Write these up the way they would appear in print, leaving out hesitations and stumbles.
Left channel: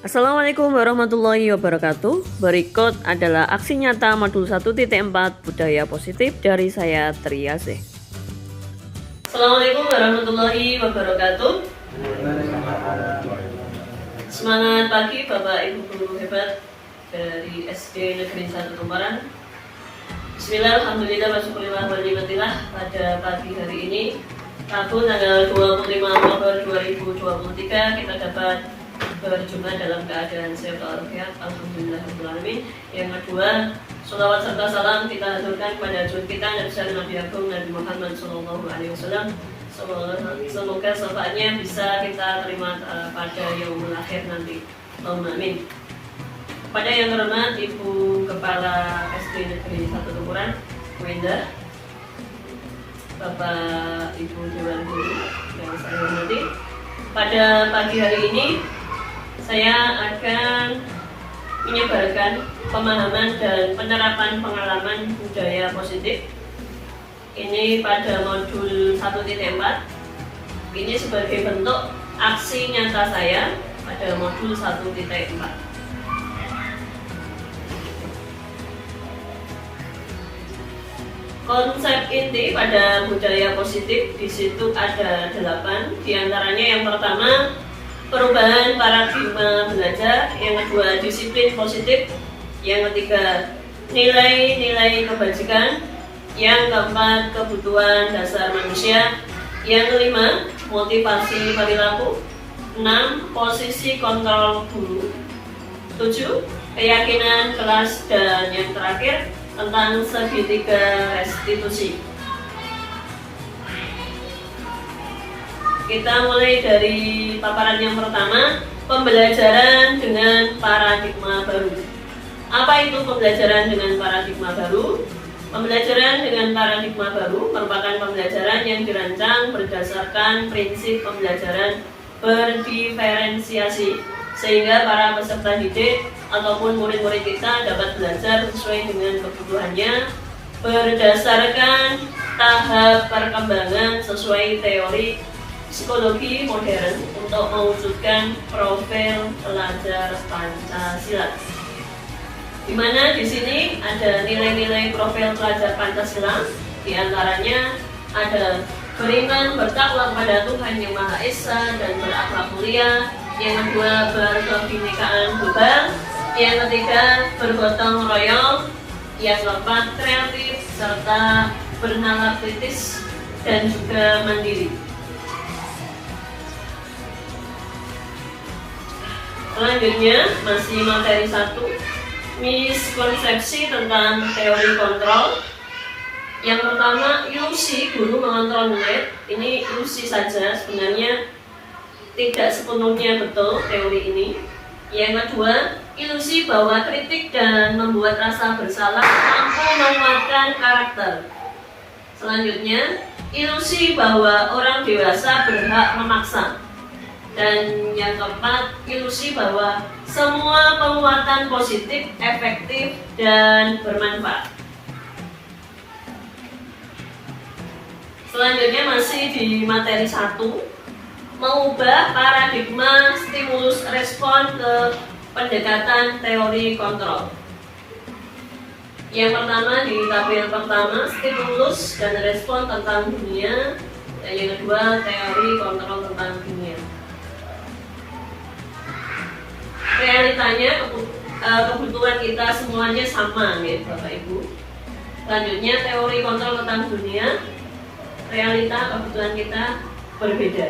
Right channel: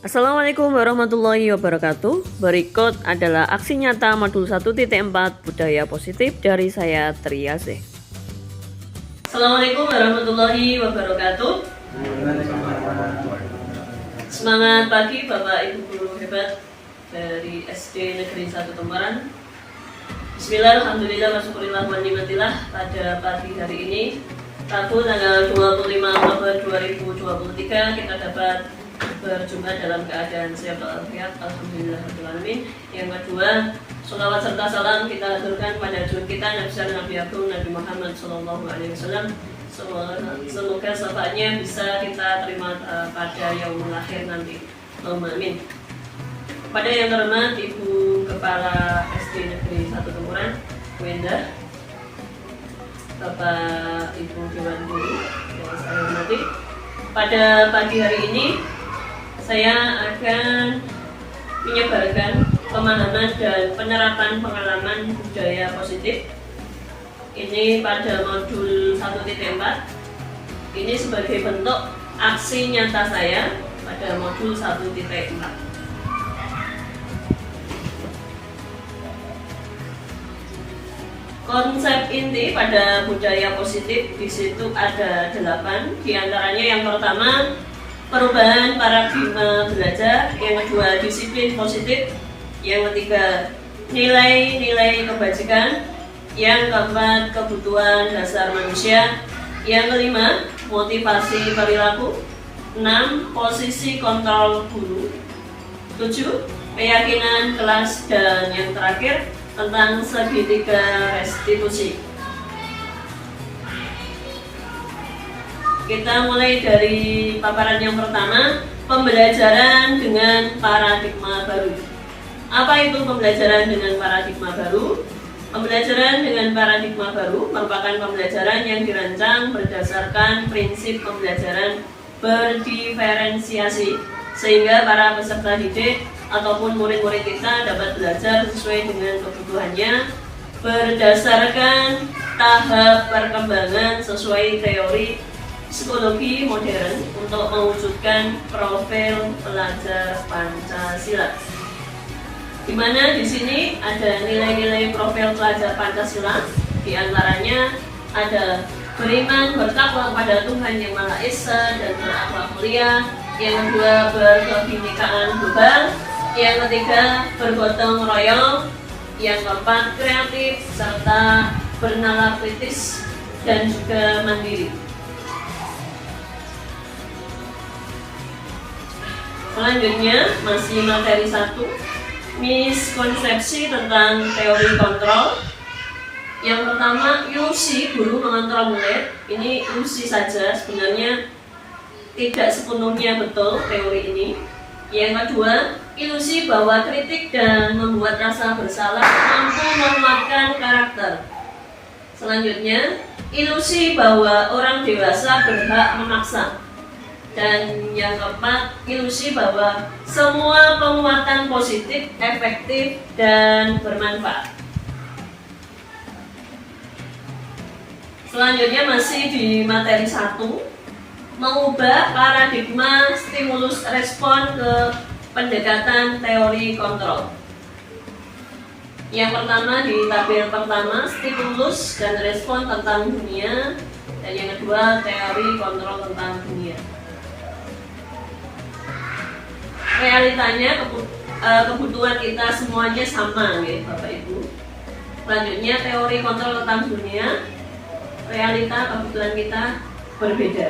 Assalamualaikum warahmatullahi wabarakatuh. Berikut adalah aksi nyata modul 1.4 budaya positif dari saya Triasih. Assalamualaikum warahmatullahi wabarakatuh. Semangat pagi Bapak Ibu guru hebat dari SD Negeri 1 Tumparan. Bismillah, alhamdulillah, wa syukurillah, wa ni'matillah. Pada pagi hari ini, Rabu tanggal 25 Oktober 2023, kita dapat berjumpa dalam keadaan sehat walafiat, alhamdulillah rabbil alamin. Yang kedua, sholawat serta salam kita haturkan pada junjungan kita Nabi Agung Nabi Muhammad Sallallahu Alaihi Wasallam. Semoga syafaatnya bisa kita terima pada yaumul akhir nanti. Allahumma amin. Pada yang terhormat Ibu Kepala SD Negeri 1 Tumparan, Bu Endah, Bapak Ibu Dewan Guru yang saya hormati, pada pagi hari ini saya akan menyebarkan pemahaman dan penerapan pengalaman budaya positif. Ini pada modul 1.4. Ini sebagai bentuk aksi nyata saya pada modul 1.4. Konsep inti pada budaya positif di situ ada 8. Di antaranya yang pertama, perubahan paradigma belajar, yang kedua disiplin positif, yang ketiga nilai-nilai kebajikan, yang keempat kebutuhan dasar manusia, yang kelima motivasi perilaku, 6 posisi kontrol guru, 7 keyakinan kelas, dan yang terakhir tentang segitiga restitusi. Kita mulai dari paparan yang pertama, pembelajaran dengan paradigma baru. Apa itu pembelajaran dengan paradigma baru? Pembelajaran dengan paradigma baru merupakan pembelajaran yang dirancang berdasarkan prinsip pembelajaran berdiferensiasi, sehingga para peserta didik ataupun murid-murid kita dapat belajar sesuai dengan kebutuhannya berdasarkan tahap perkembangan sesuai teori psikologi modern untuk mewujudkan profil pelajar Pancasila. Di mana di sini ada nilai-nilai profil pelajar Pancasila, di antaranya ada beriman, bertakwa kepada Tuhan Yang Maha Esa dan berakhlak mulia, yang kedua berkebinekaan global, yang ketiga bergotong royong, yang keempat kreatif serta bernalar kritis dan juga mandiri. Selanjutnya masih materi 1, miskonsepsi tentang teori kontrol. Yang pertama, ilusi guru mengontrol murid. Ini ilusi saja, sebenarnya tidak sepenuhnya betul teori ini. Yang kedua, ilusi bahwa kritik dan membuat rasa bersalah mampu menguatkan karakter. Selanjutnya, ilusi bahwa orang dewasa berhak memaksa. Dan yang keempat, ilusi bahwa semua penguatan positif, efektif, dan bermanfaat. Selanjutnya masih di materi 1, mengubah paradigma stimulus respon ke pendekatan teori kontrol. Yang pertama di tabel pertama, stimulus dan respon tentang dunia, dan yang kedua teori kontrol tentang dunia. Realitanya kebutuhan kita semuanya sama ya Bapak Ibu. Selanjutnya teori kontrol tentang dunia, realita kebutuhan kita berbeda.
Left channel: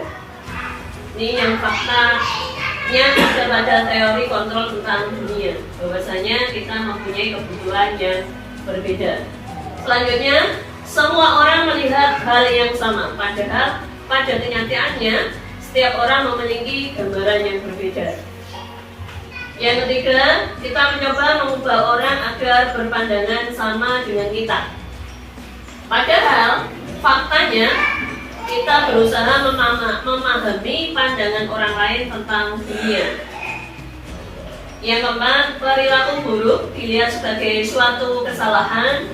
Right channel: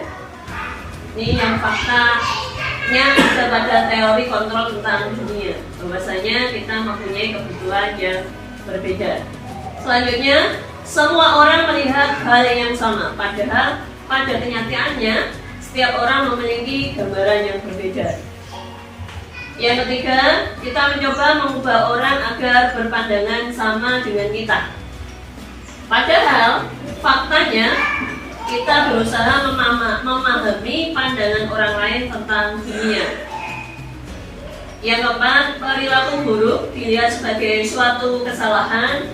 Ini yang faktanya ada pada teori kontrol tentang dunia, bahwasanya kita mempunyai kebutuhan yang berbeda. Selanjutnya, semua orang melihat hal yang sama, padahal pada kenyataannya setiap orang memiliki gambaran yang berbeda. Yang ketiga, kita mencoba mengubah orang agar berpandangan sama dengan kita. Padahal faktanya kita berusaha memahami pandangan orang lain tentang dunia. Yang keempat, perilaku buruk dilihat sebagai suatu kesalahan,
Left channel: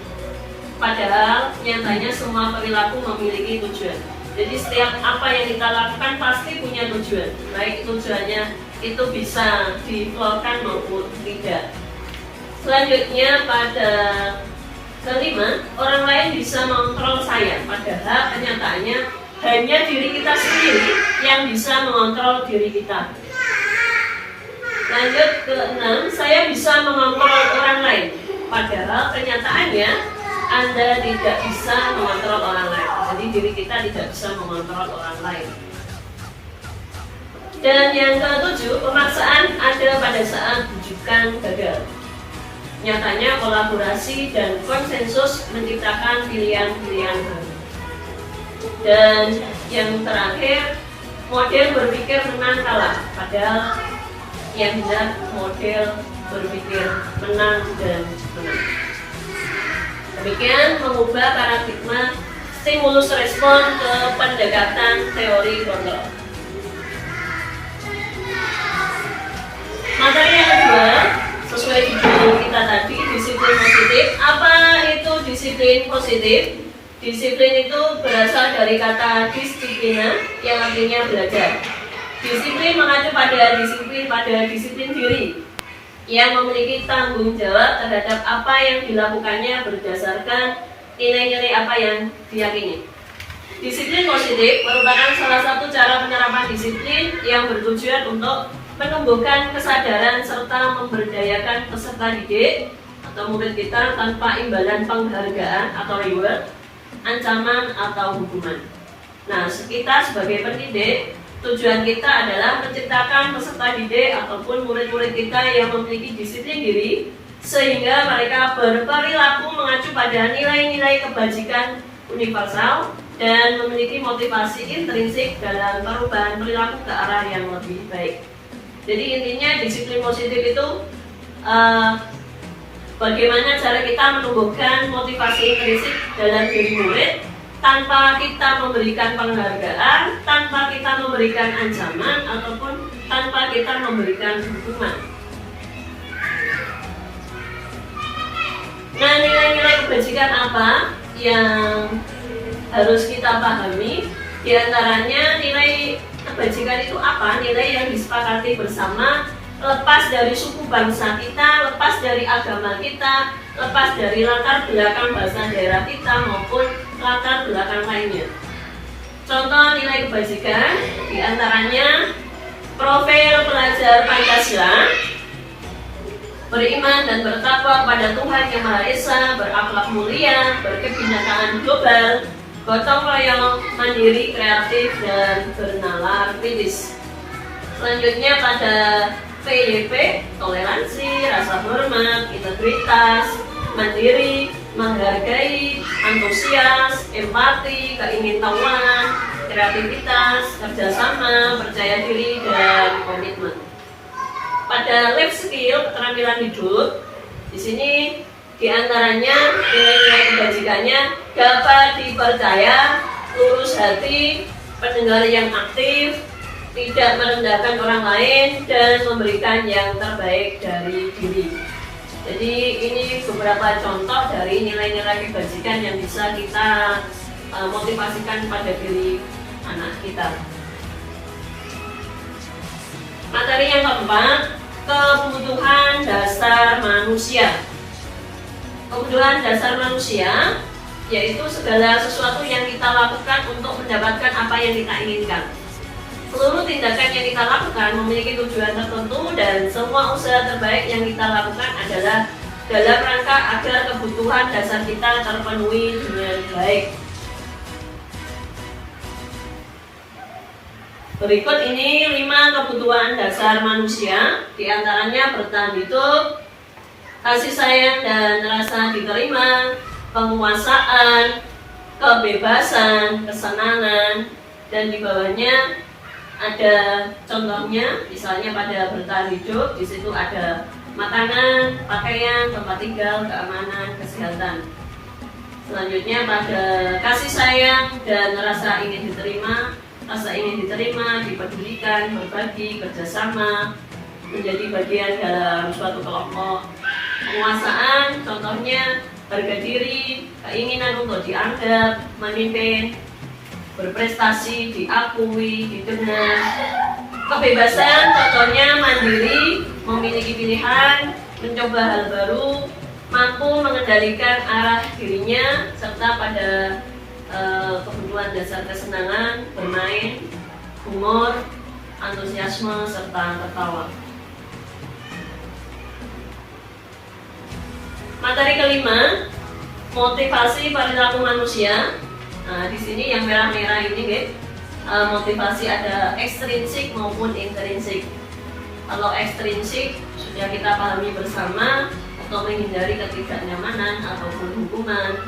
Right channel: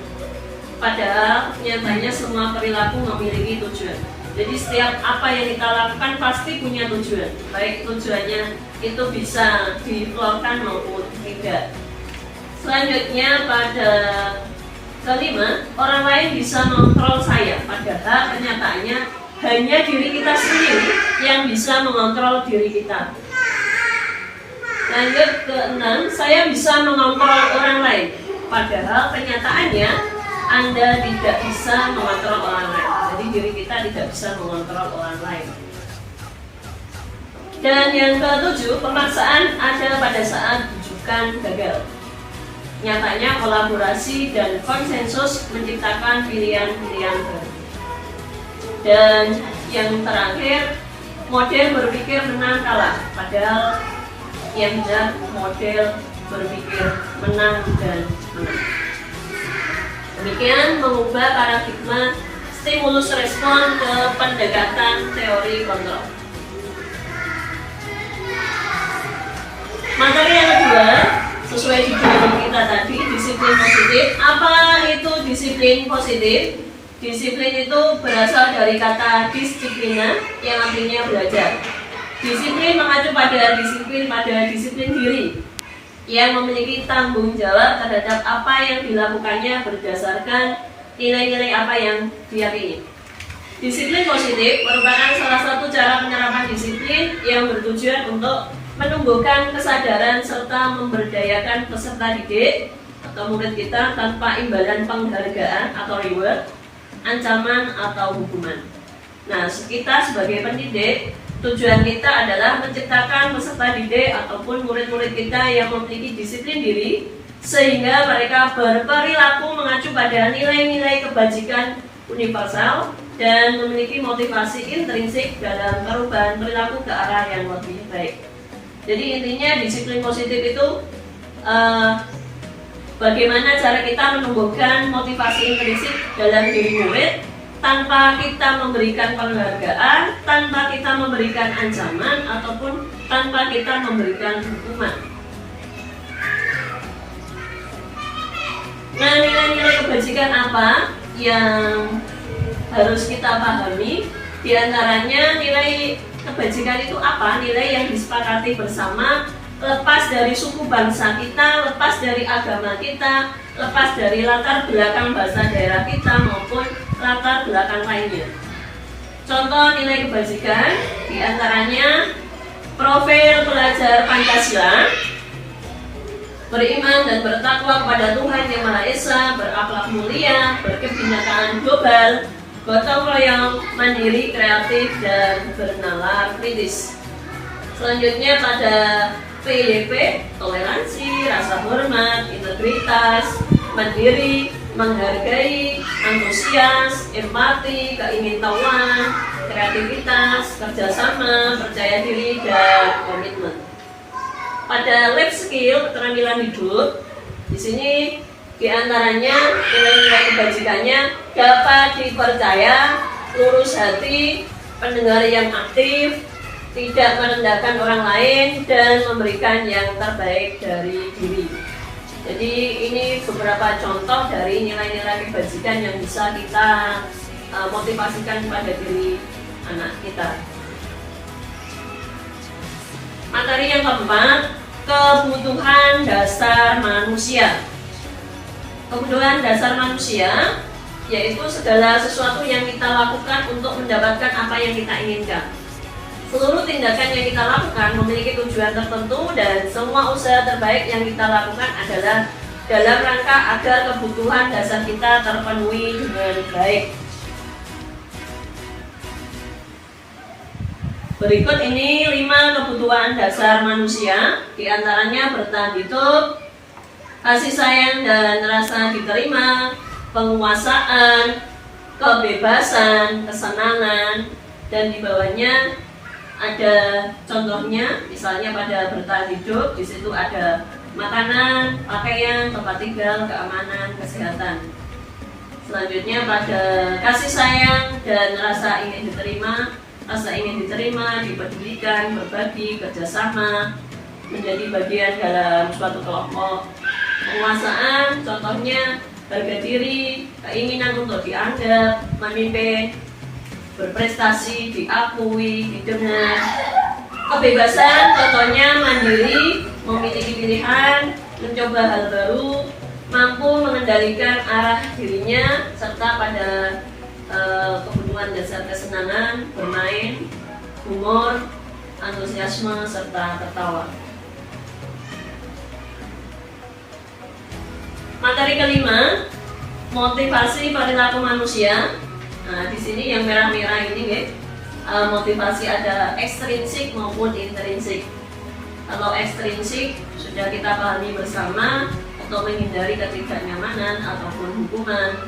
padahal nyatanya semua perilaku memiliki tujuan. Jadi setiap apa yang kita lakukan pasti punya tujuan, baik tujuannya itu bisa diflorkan maupun tidak. Selanjutnya pada kelima, orang lain bisa mengontrol saya, padahal kenyataannya hanya diri kita sendiri yang bisa mengontrol diri kita. Lanjut ke 6, saya bisa mengontrol orang lain, padahal kenyataannya Anda tidak bisa mengontrol orang lain. Jadi diri kita tidak bisa mengontrol orang lain. Dan yang ke-7, pemaksaan ada pada saat rujukan gagal. Nyatanya kolaborasi dan konsensus menciptakan pilihan-pilihan baru. Dan yang terakhir, model berpikir menang kalah, padahal yang benar model berpikir menang dan menang. Demikian mengubah paradigma stimulus respon ke pendekatan teori kontrol. Materi yang kedua, sesuai judul kita tadi, disiplin positif. Apa itu disiplin positif? Disiplin itu berasal dari kata disiplina yang artinya belajar. Disiplin mengacu pada disiplin diri yang memiliki tanggung jawab terhadap apa yang dilakukannya berdasarkan nilai-nilai apa yang diyakini. Disiplin positif merupakan salah satu cara penerapan disiplin yang bertujuan untuk menumbuhkan kesadaran serta memberdayakan peserta didik atau murid kita tanpa imbalan penghargaan atau reward, ancaman atau hukuman. Nah, kita sebagai pendidik, tujuan kita adalah menciptakan peserta didik ataupun murid-murid kita yang memiliki disiplin diri sehingga mereka berperilaku mengacu pada nilai-nilai kebajikan universal dan memiliki motivasi intrinsik dalam perubahan perilaku ke arah yang lebih baik. Jadi intinya disiplin positif itu bagaimana cara kita menumbuhkan motivasi intrinsik dalam diri murid tanpa kita memberikan penghargaan, tanpa kita memberikan ancaman, ataupun tanpa kita memberikan hukuman. Nah, nilai-nilai kebajikan apa yang harus kita pahami? Di antaranya nilai kebajikan itu apa? Nilai yang disepakati bersama, lepas dari suku bangsa kita, lepas dari agama kita, lepas dari latar belakang bahasa daerah kita maupun latar belakang lainnya. Contoh nilai kebajikan diantaranya profil pelajar Pancasila, beriman dan bertakwa kepada Tuhan Yang Maha Esa, berakhlak mulia, berkebinekaan global, gotong royong, mandiri, kreatif, dan bernalar kritis. Selanjutnya pada PYP, toleransi, rasa hormat, integritas, mandiri, menghargai, antusias, empati, keingintahuan, kreativitas, kerjasama, percaya diri, dan komitmen. Pada life skill, keterampilan hidup, di sini diantaranya nilai-nilai kebajikannya dapat dipercaya, lurus hati, pendengar yang aktif, tidak merendahkan orang lain, dan memberikan yang terbaik dari diri. Jadi ini beberapa contoh dari nilai-nilai kebajikan yang bisa kita motivasikan pada diri anak kita. Materi yang keempat, kebutuhan dasar manusia. Kebutuhan dasar manusia yaitu segala sesuatu yang kita lakukan untuk mendapatkan apa yang kita inginkan. Seluruh tindakan yang kita lakukan memiliki tujuan tertentu dan semua usaha terbaik yang kita lakukan adalah dalam rangka agar kebutuhan dasar kita terpenuhi dengan baik. Berikut ini 5 kebutuhan dasar manusia, diantaranya bertahan hidup, kasih sayang dan rasa diterima, penguasaan, kebebasan, kesenangan, dan di bawahnya ada contohnya, misalnya pada bertahan hidup, di situ ada makanan, pakaian, tempat tinggal, keamanan, kesehatan. Selanjutnya pada kasih sayang dan rasa ingin diterima, dipedulikan, berbagi, kerjasama, menjadi bagian dalam suatu kelompok. Penguasaan, contohnya harga diri, keinginan untuk dianggap, memimpin. berprestasi, diakui, didengar. Kebebasan contohnya mandiri, memiliki pilihan, mencoba hal baru, mampu mengendalikan arah dirinya, serta pada kebutuhan dasar kesenangan, bermain, humor, antusiasme, serta tertawa. Materi kelima, motivasi perilaku manusia. Nah, di sini yang merah-merah ini, guys, motivasi ada ekstrinsik maupun intrinsik. Kalau ekstrinsik sudah kita pahami bersama, untuk menghindari ketidaknyamanan ataupun hukuman,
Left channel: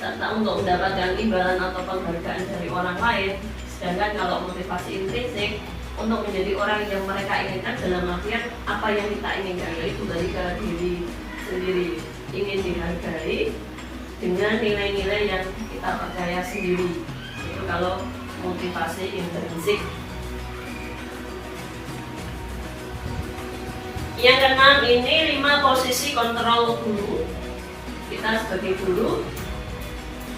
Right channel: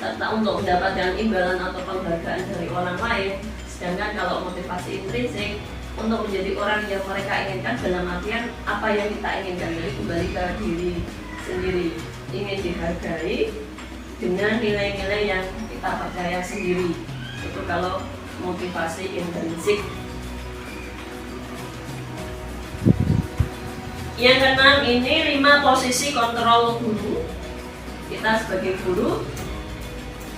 serta untuk mendapatkan imbalan atau penghargaan dari orang lain. Sedangkan kalau motivasi intrinsik, untuk menjadi orang yang mereka inginkan, dalam artian apa yang kita inginkan, jadi kembali ke diri sendiri, ingin dihargai dengan nilai-nilai yang kita percaya sendiri. Itu kalau motivasi intrinsik. Yang keenam ini 5 posisi kontrol guru. Kita sebagai guru,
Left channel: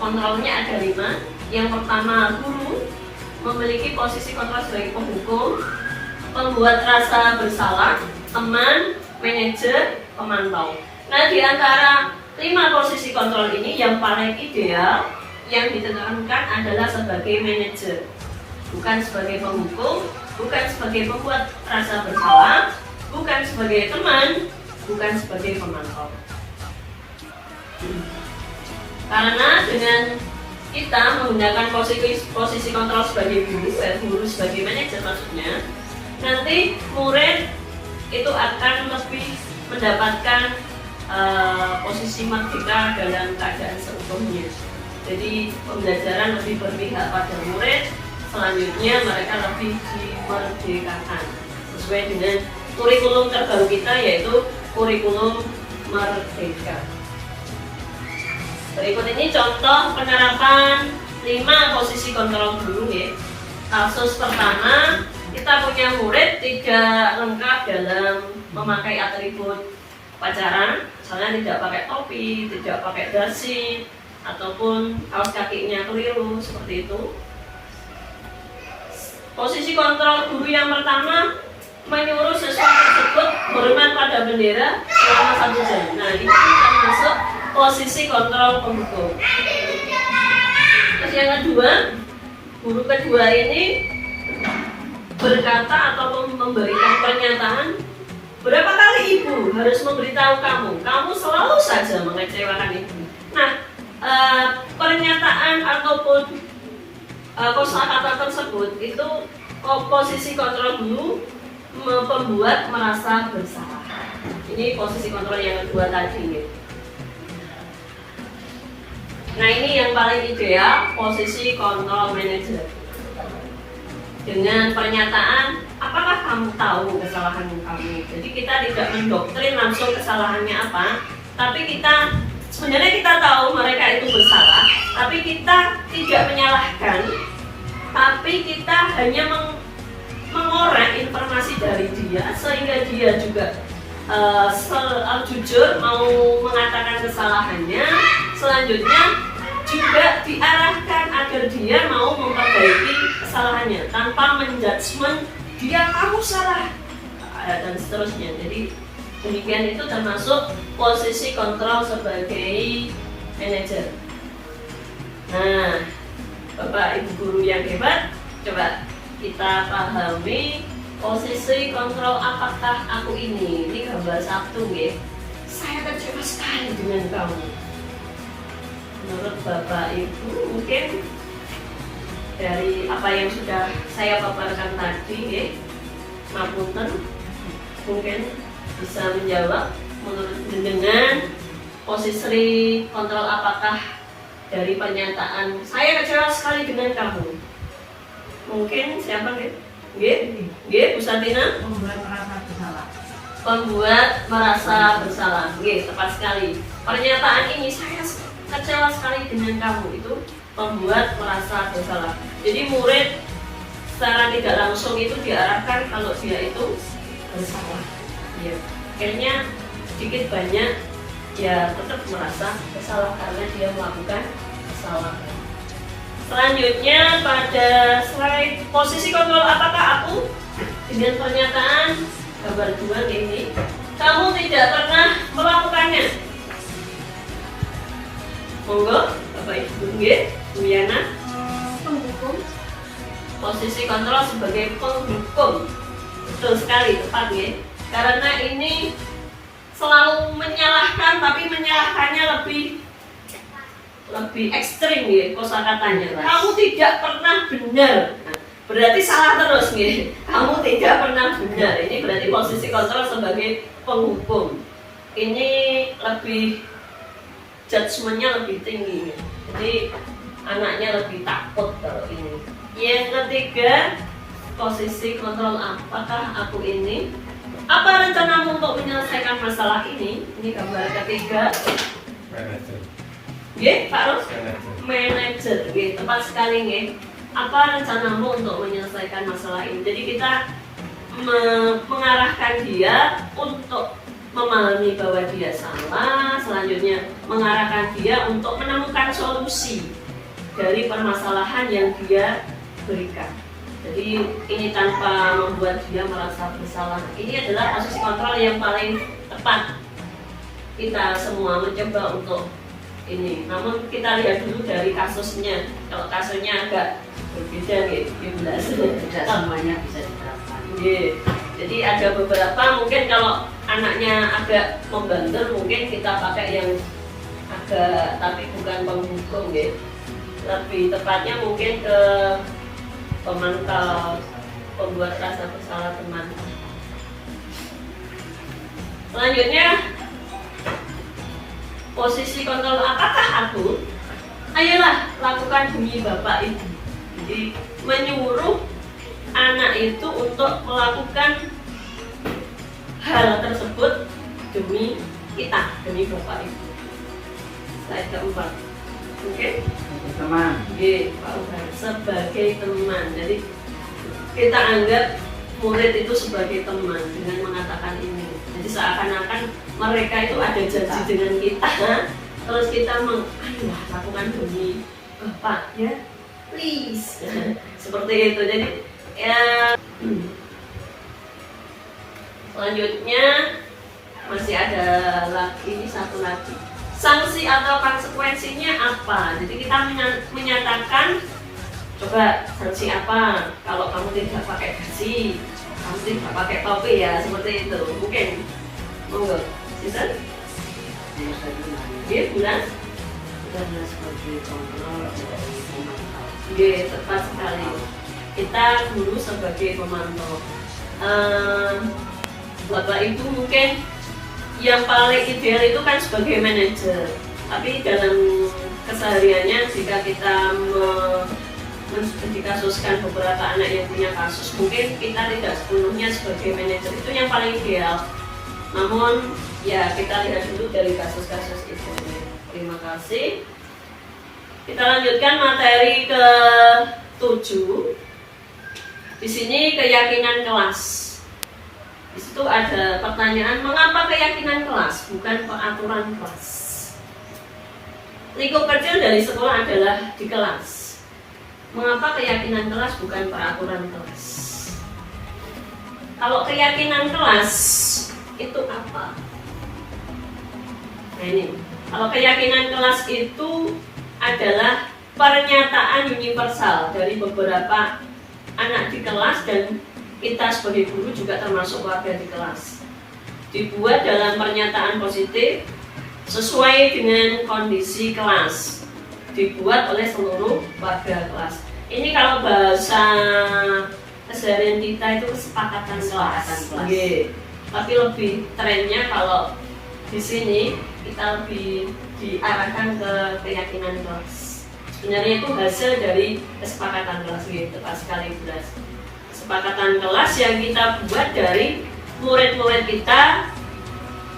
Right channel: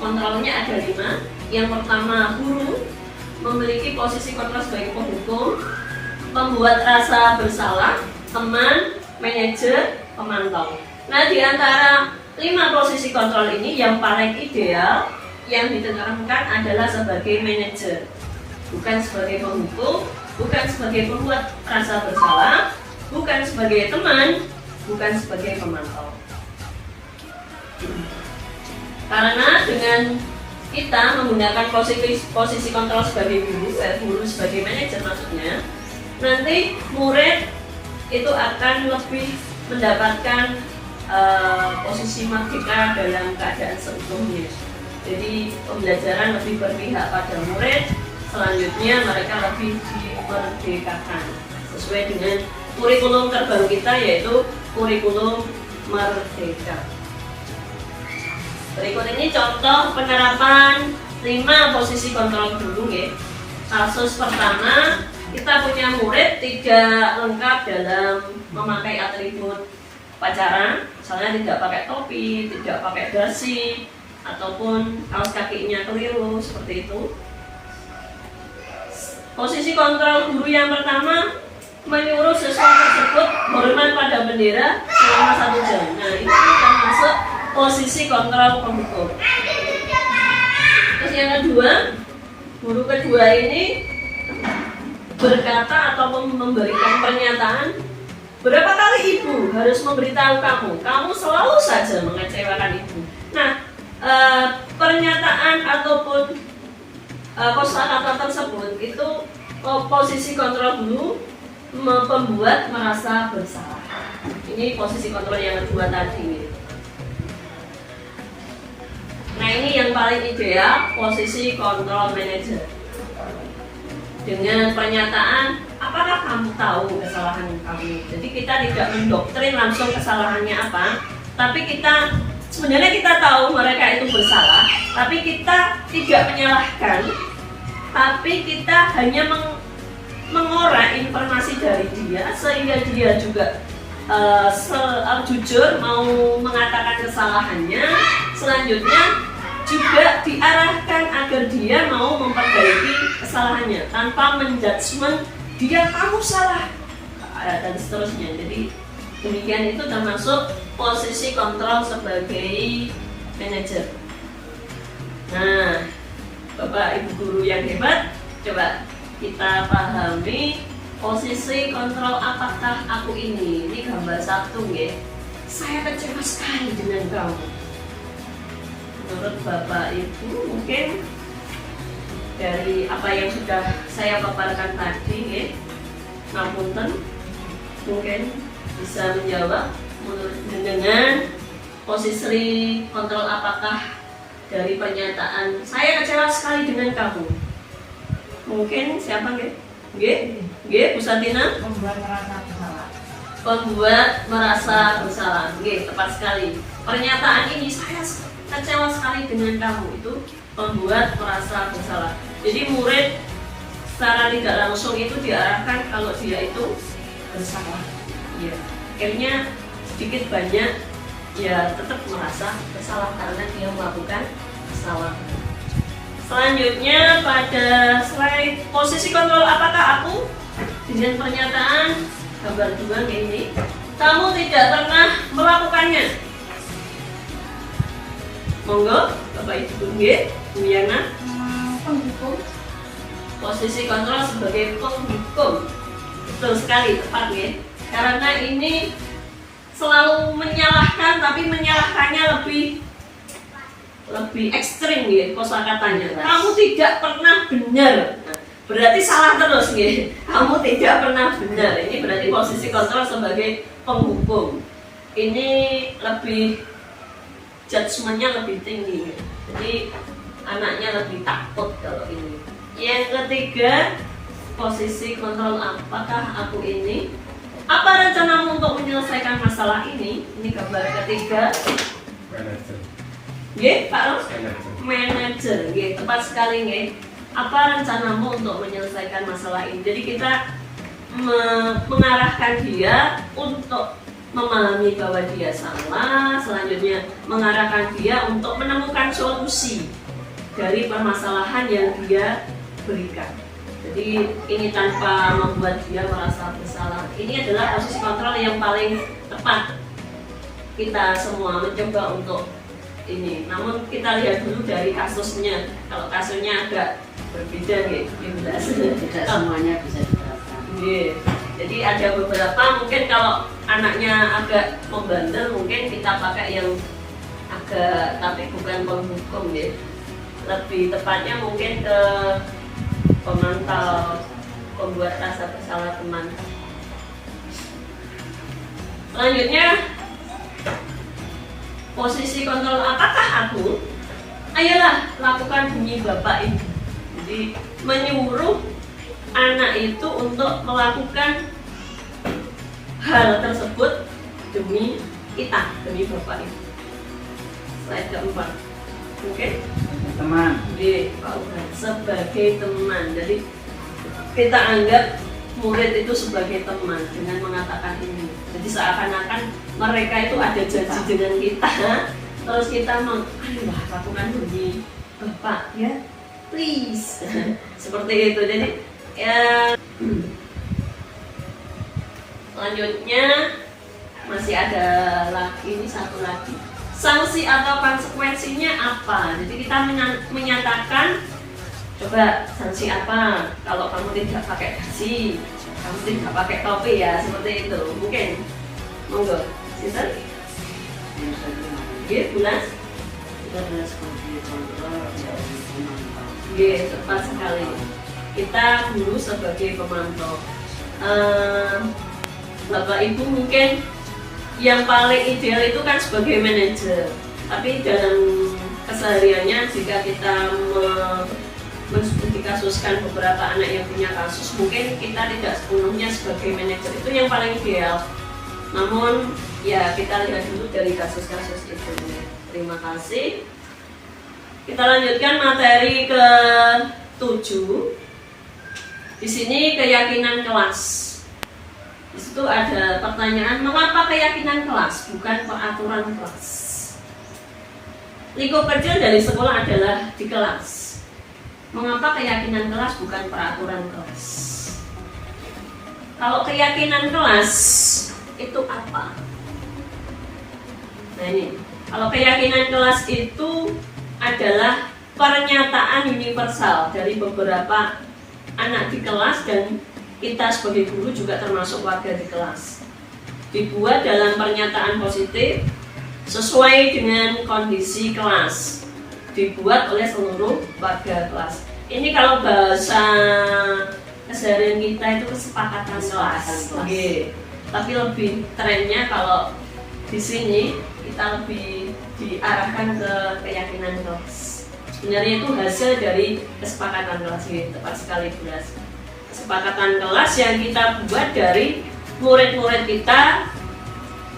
kontrolnya ada 5. Yang pertama, guru memiliki posisi kontrol sebagai penghukum, pembuat rasa bersalah, teman, manajer, pemantau. Nah, di antara 5 posisi kontrol ini yang paling ideal yang ditekankan adalah sebagai manajer, bukan sebagai penghukum, bukan sebagai pembuat rasa bersalah, bukan sebagai teman, bukan sebagai pemantau. Karena dengan kita menggunakan posisi kontrol sebagai guru sebagai manajer maksudnya, nanti murid itu akan lebih mendapatkan posisi merdeka dalam keadaan seutuhnya. Jadi pembelajaran lebih berpihak pada murid, selanjutnya mereka lebih dimerdekakan sesuai dengan kurikulum terbaru kita, yaitu kurikulum merdeka. Berikut ini contoh penerapan 5 posisi kontrol guru, ya. Kasus pertama, kita punya murid tidak lengkap dalam memakai atribut upacara, misalnya tidak pakai topi, tidak pakai dasi, ataupun kaos kakinya keliru, seperti itu. Posisi kontrol guru yang pertama, menyuruh siswa tersebut hormat pada bendera selama 1 jam. Nah, ini termasuk posisi kontrol penghukum. Terus yang kedua, guru kedua ini berkata atau memberikan pernyataan, berapa kali ibu harus memberitahu kamu selalu saja mengecewakan ibu. Nah, pernyataan ataupun kosakata tersebut itu posisi kontrol guru membuat merasa bersalah. Ini posisi kontrol yang kedua tadi. Nah, ini yang paling ideal, posisi kontrol manajer. Dengan pernyataan, apakah kamu tahu kesalahan kamu? Jadi kita tidak mendoktrin langsung kesalahannya apa, tapi kita sebenarnya kita tahu mereka itu bersalah, tapi kita tidak menyalahkan, tapi kita hanya mengorek informasi dari dia sehingga dia juga jujur mau mengatakan kesalahannya. Selanjutnya juga diarahkan agar dia mau memperbaiki kesalahannya tanpa menjudgment dia kamu salah dan seterusnya. Jadi demikian itu termasuk posisi kontrol sebagai manajer. Nah, Bapak Ibu guru yang hebat, coba kita pahami posisi kontrol apakah aku ini. Ini gambar 1, ya. Saya kecewa sekali dengan kamu. Menurut Bapak Ibu, mungkin dari apa yang sudah saya paparkan tadi, ya, ngapunten, mungkin bisa menjawab menurut dengan posisi kontrol apakah dari pernyataan saya kecewa sekali dengan kamu. Mungkin siapa, nggih? Nggih, Bu Satina? Membuat merasa bersalah. Membuat merasa bersalah. Nggih, tepat sekali. Pernyataan ini saya kecewa sekali dengan kamu itu membuat merasa bersalah. Jadi murid secara tidak langsung itu diarahkan kalau dia itu bersalah. Ya, akhirnya sedikit banyak ya tetap merasa bersalah karena dia melakukan kesalahan. Selanjutnya pada slide posisi kontrol apakah aku dengan pernyataan gambar 2 ini kamu tidak pernah melakukannya. Monggo Bapak Ibu nggih, Bu Yana. Penghukum. Posisi kontrol sebagai penghukum. Betul sekali, tepat ya. Karena ini selalu menyalahkan, tapi menyalahkannya lebih ekstrim ya kosakatanya. Kamu tidak pernah benar. Nah, berarti salah terus ya. Kamu tidak pernah benar. Ini berarti posisi kontrol sebagai penghukum. Ini lebih judgementnya lebih tinggi. Jadi anaknya lebih takut kalau ini. Yang ketiga, posisi kontrol apakah aku ini? Apa rencanamu untuk menyelesaikan masalah ini? Ini gambar ketiga. Manager. Nggih, Pak Ros? Manager. Manager, nggih, tepat sekali nggih. Apa rencanamu untuk menyelesaikan masalah ini? Jadi kita mengarahkan dia untuk memahami bahwa dia salah, selanjutnya mengarahkan dia untuk menemukan solusi dari permasalahan yang dia berikan. Jadi ini tanpa membuat dia merasa bersalah. Ini adalah posisi kontrol yang paling tepat. Kita semua mencoba untuk ini. Namun kita lihat dulu dari kasusnya. Kalau kasusnya agak berbeda nih, jelas. Tidak semuanya bisa diterapkan. Jadi ada beberapa mungkin kalau anaknya agak membandel mungkin kita pakai yang agak tapi bukan penghukum ya. Lebih tepatnya mungkin ke pemantau pembuat rasa bersalah teman. Selanjutnya posisi kontrol apakah aku? Ayolah lakukan bunyi bapak ibu. Jadi menyuruh anak itu untuk melakukan hal tersebut demi kita, demi bapak ibu. Slide keempat. Oke? Teman. Pak Uban, sebagai teman. Jadi kita anggap murid itu sebagai teman dengan mengatakan ini. Jadi seakan-akan mereka itu ada janji dengan kita. Terus kita ayolah lakukan demi bapak ya, please. Seperti itu. Jadi ya. Selanjutnya masih ada lagi, ini satu lagi. Sanksi atau konsekuensinya apa? Jadi kita menyatakan, coba sanksi apa? Kalau kamu tidak pakai gaji, kamu tidak pakai topi ya, seperti itu. Mungkin, monggo, Sinten? Oke, bulan? Oke, tepat sekali. Kita guru sebagai pemantau. Bapak Ibu mungkin yang paling ideal itu kan sebagai manajer, tapi dalam kesehariannya jika kita dikasuskan beberapa anak yang punya kasus, mungkin kita tidak sepenuhnya sebagai manajer, itu yang paling ideal. Namun ya kita lihat dulu dari kasus-kasus itu. Terima kasih. Kita lanjutkan materi ke-7. Di sini keyakinan kelas. Di situ ada pertanyaan, mengapa keyakinan kelas bukan peraturan kelas? Lingkup kecil dari sekolah adalah di kelas. Mengapa keyakinan kelas bukan peraturan kelas? Kalau keyakinan kelas itu apa? Nah ini, kalau keyakinan kelas itu adalah pernyataan universal dari beberapa anak di kelas dan kita sebagai guru juga termasuk warga di kelas. Dibuat dalam pernyataan positif sesuai dengan kondisi kelas. Dibuat oleh seluruh warga kelas. Ini kalau bahasa keseharian kita itu kesepakatan kelas. Tapi lebih trennya kalau di sini kita lebih diarahkan ke keyakinan kelas. Sebenarnya itu hasil dari kesepakatan kelas. Tepat sekali jelas. Kesepakatan kelas yang kita buat dari murid-murid kita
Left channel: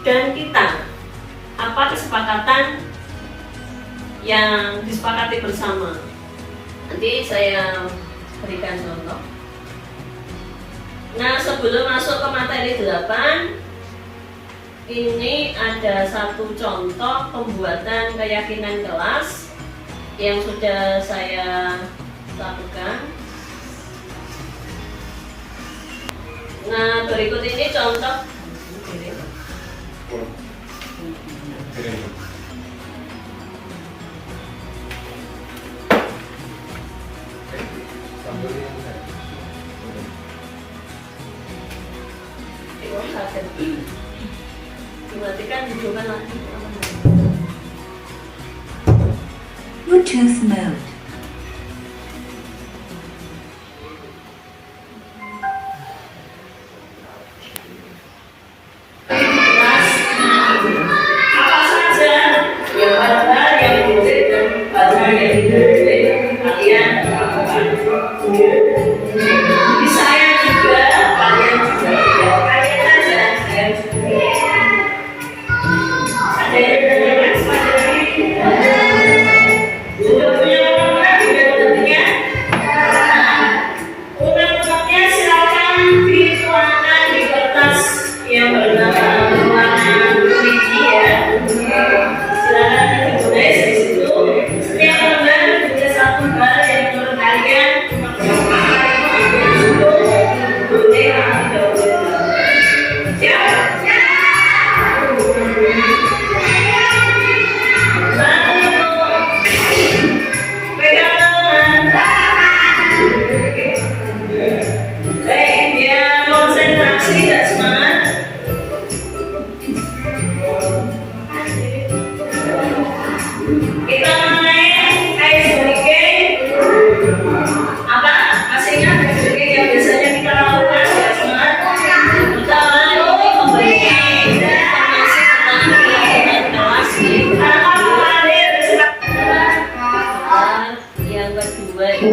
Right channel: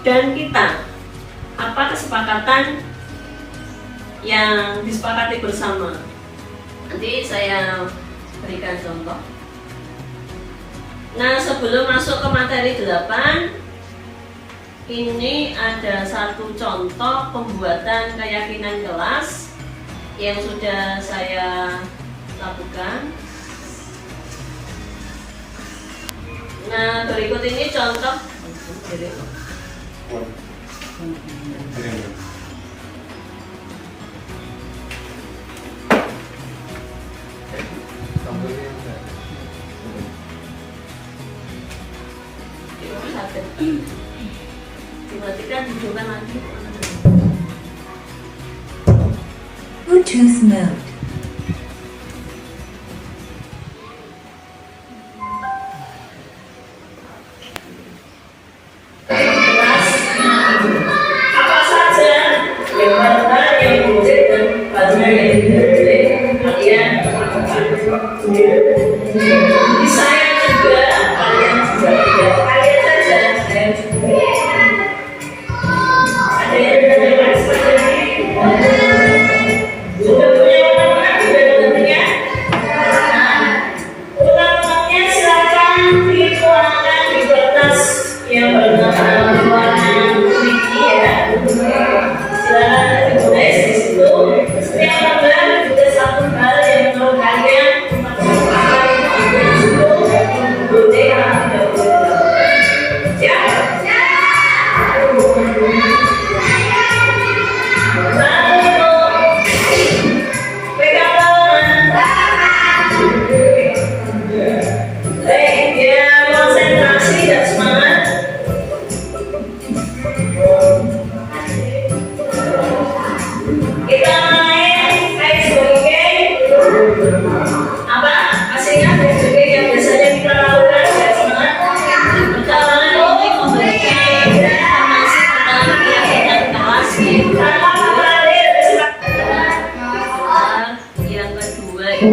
dan kita. Apa kesepakatan yang disepakati bersama? Nanti saya berikan contoh. Nah, sebelum masuk ke materi 8, ini ada satu contoh pembuatan keyakinan kelas yang sudah saya lakukan. Nah, berikut ini contoh Kering. dimatikan, dicoba lagi. Bluetooth mode. Apa saja yang mana yang boleh dan mana yang tidak boleh kalian lakukan. Bisa juga kalian juga kalian aja saya juga. Ada yang sudah punya undang-undang sudah tentunya. Undang-undangnya silakan dituangkan di kertas yang warna kuning ya. Silakan ditulis di situ. Setiap lembar juga satu hal yang menurut kalian itu boleh atau tidak. Siap? Pegang tangan. Baik, biar konsentrasi dan semangat. Kita main ice breaking. Apa? Masih ingat ice breaking yang biasanya kita lakukan ya semangat? Yang pertama ini memberikan informasi tentang kegiatan kelas kita. Yang kedua itu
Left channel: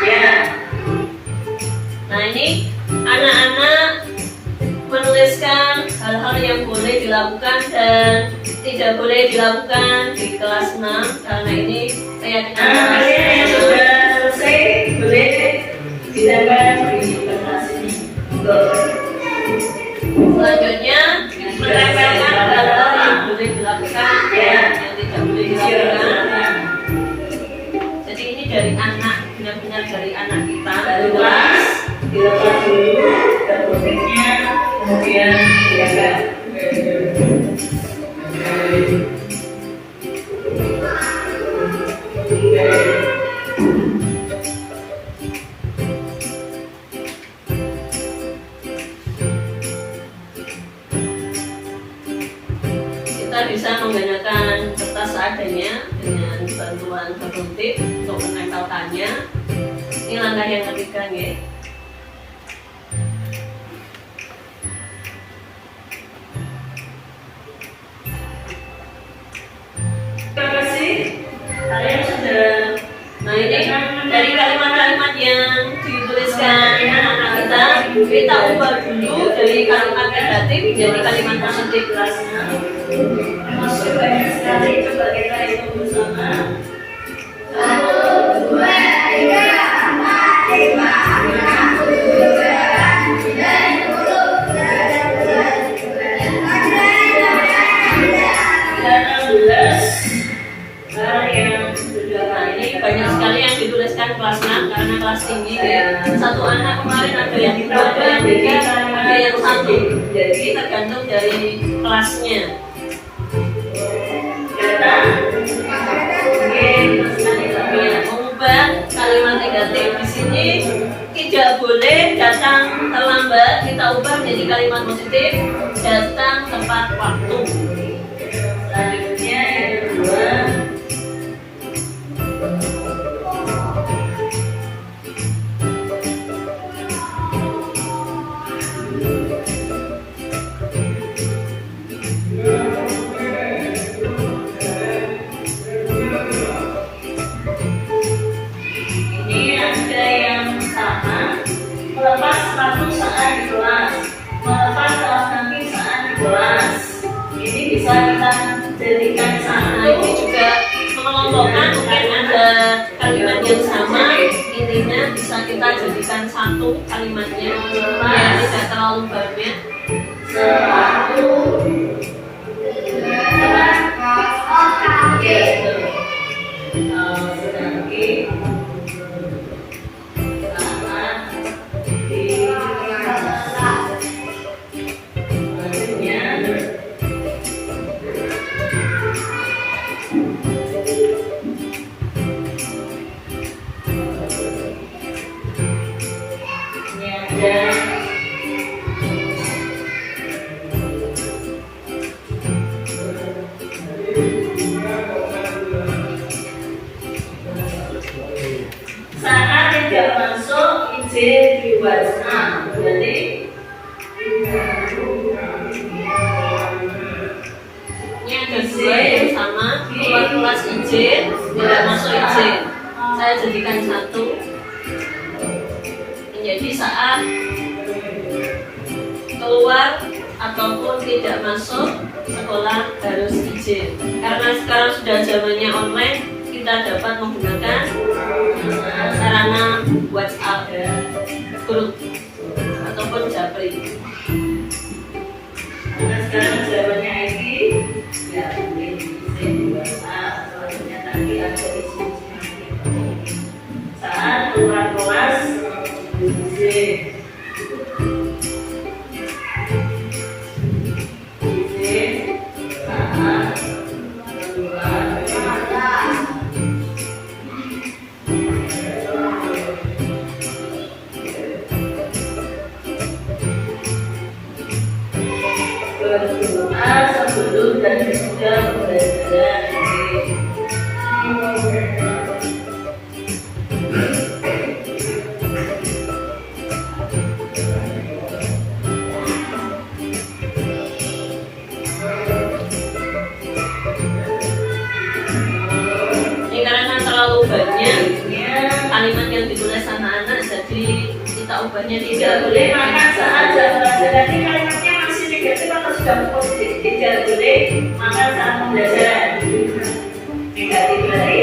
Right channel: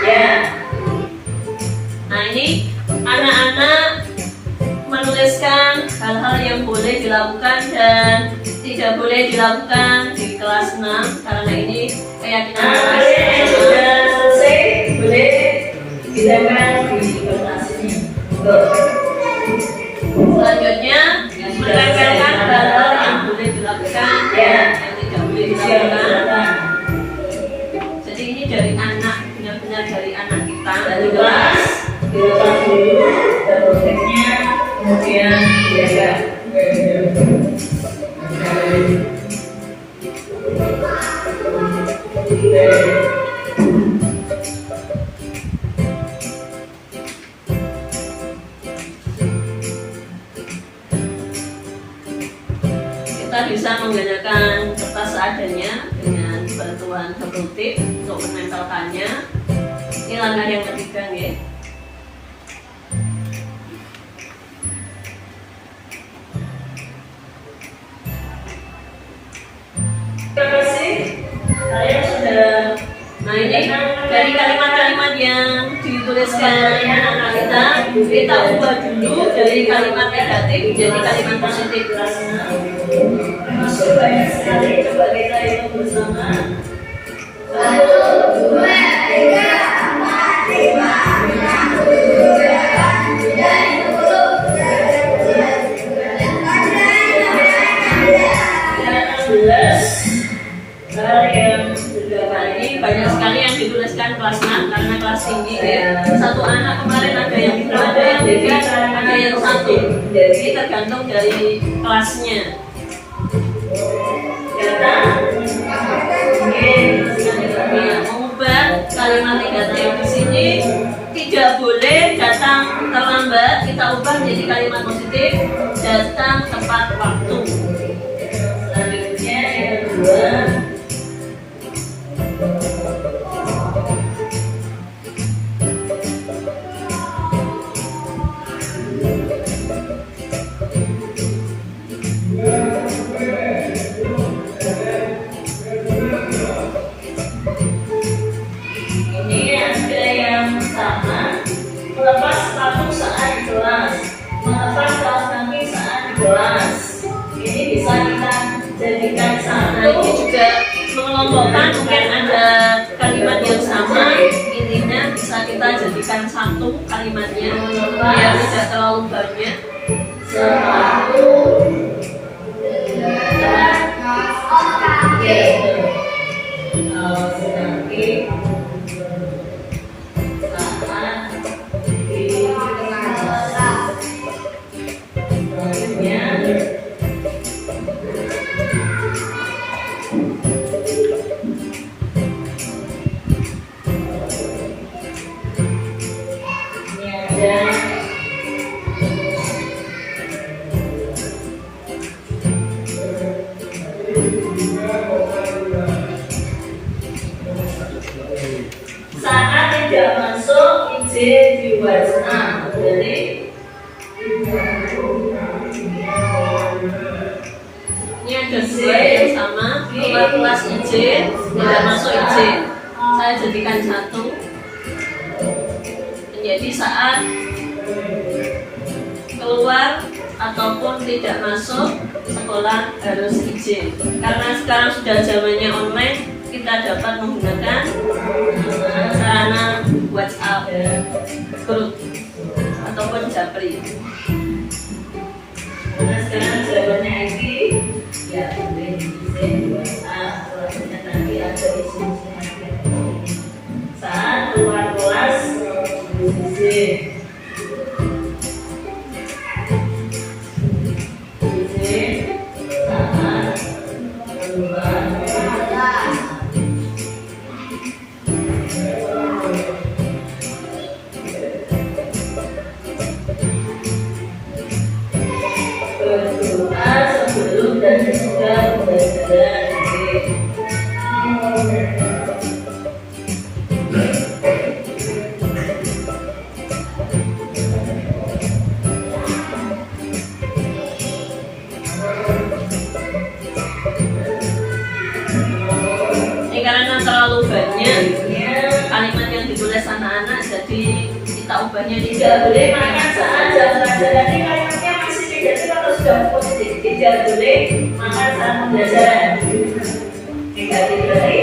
ya. Nah ini anak-anak menuliskan hal-hal yang boleh dilakukan dan tidak boleh dilakukan di kelas 6 karena ini keyakinan kalian yang sudah selesai boleh ditambah di kertas ini. Selanjutnya menempelkan hal-hal yang boleh dilakukan dan yang tidak boleh dilakukan. Jadi ini dari anak, benar-benar dari anak kita dari kelas dilepas dulu berikutnya kemudian dijaga. Kita bisa menggunakan kertas seadanya dengan bantuan bubble tip untuk menempelkannya. Ini langkah yang ketiga nih. Terima kasih. Kalian sudah. Nah ini dari kalimat-kalimat yang dituliskan anak-anak kita ubah dulu dari kalimat negatif menjadi kalimat positif. Masuk banyak sekali, coba kita hitung bersama. 1, 2, 3, 4, 5, 6, 7, 8, 9, 10, 11. Hal yang sudah ini banyak sekali yang dituliskan kelas 6 karena kelas tinggi ya. Satu anak kemarin ada yang 2, ada yang 3, ada yang 1. Jadi tergantung dari kelasnya. Kita mengubah kalimat negatif di sini tidak boleh datang terlambat. Kita ubah menjadi kalimat positif datang tepat waktu. Selanjutnya yang kedua. Jadikan sama. Ini juga mengelompokkan mungkin ada kalimat yang sama, intinya bisa kita jadikan satu kalimatnya biar tidak terlalu banyak. Satu, kedua yang sama, keluar kelas izin, tidak masuk izin. Saya jadikan 1 menjadi saat keluar ataupun tidak masuk sekolah harus izin. Karena sekarang sudah zamannya online, kita dapat menggunakan sarana WhatsApp, grup ataupun Japri. Karena sekarang zamannya IT, ya boleh izin selanjutnya nanti ada izin saat keluar kelas izin. Sebelum dan sesudah pembelajaran ini karena terlalu banyak kalimat yang ditulis anak-anak, jadi kita ubahnya tidak boleh makan saat jam pelajaran. Ini kalimatnya masih negatif atau sudah positif? Tidak boleh makan saat pembelajaran. Negatif berarti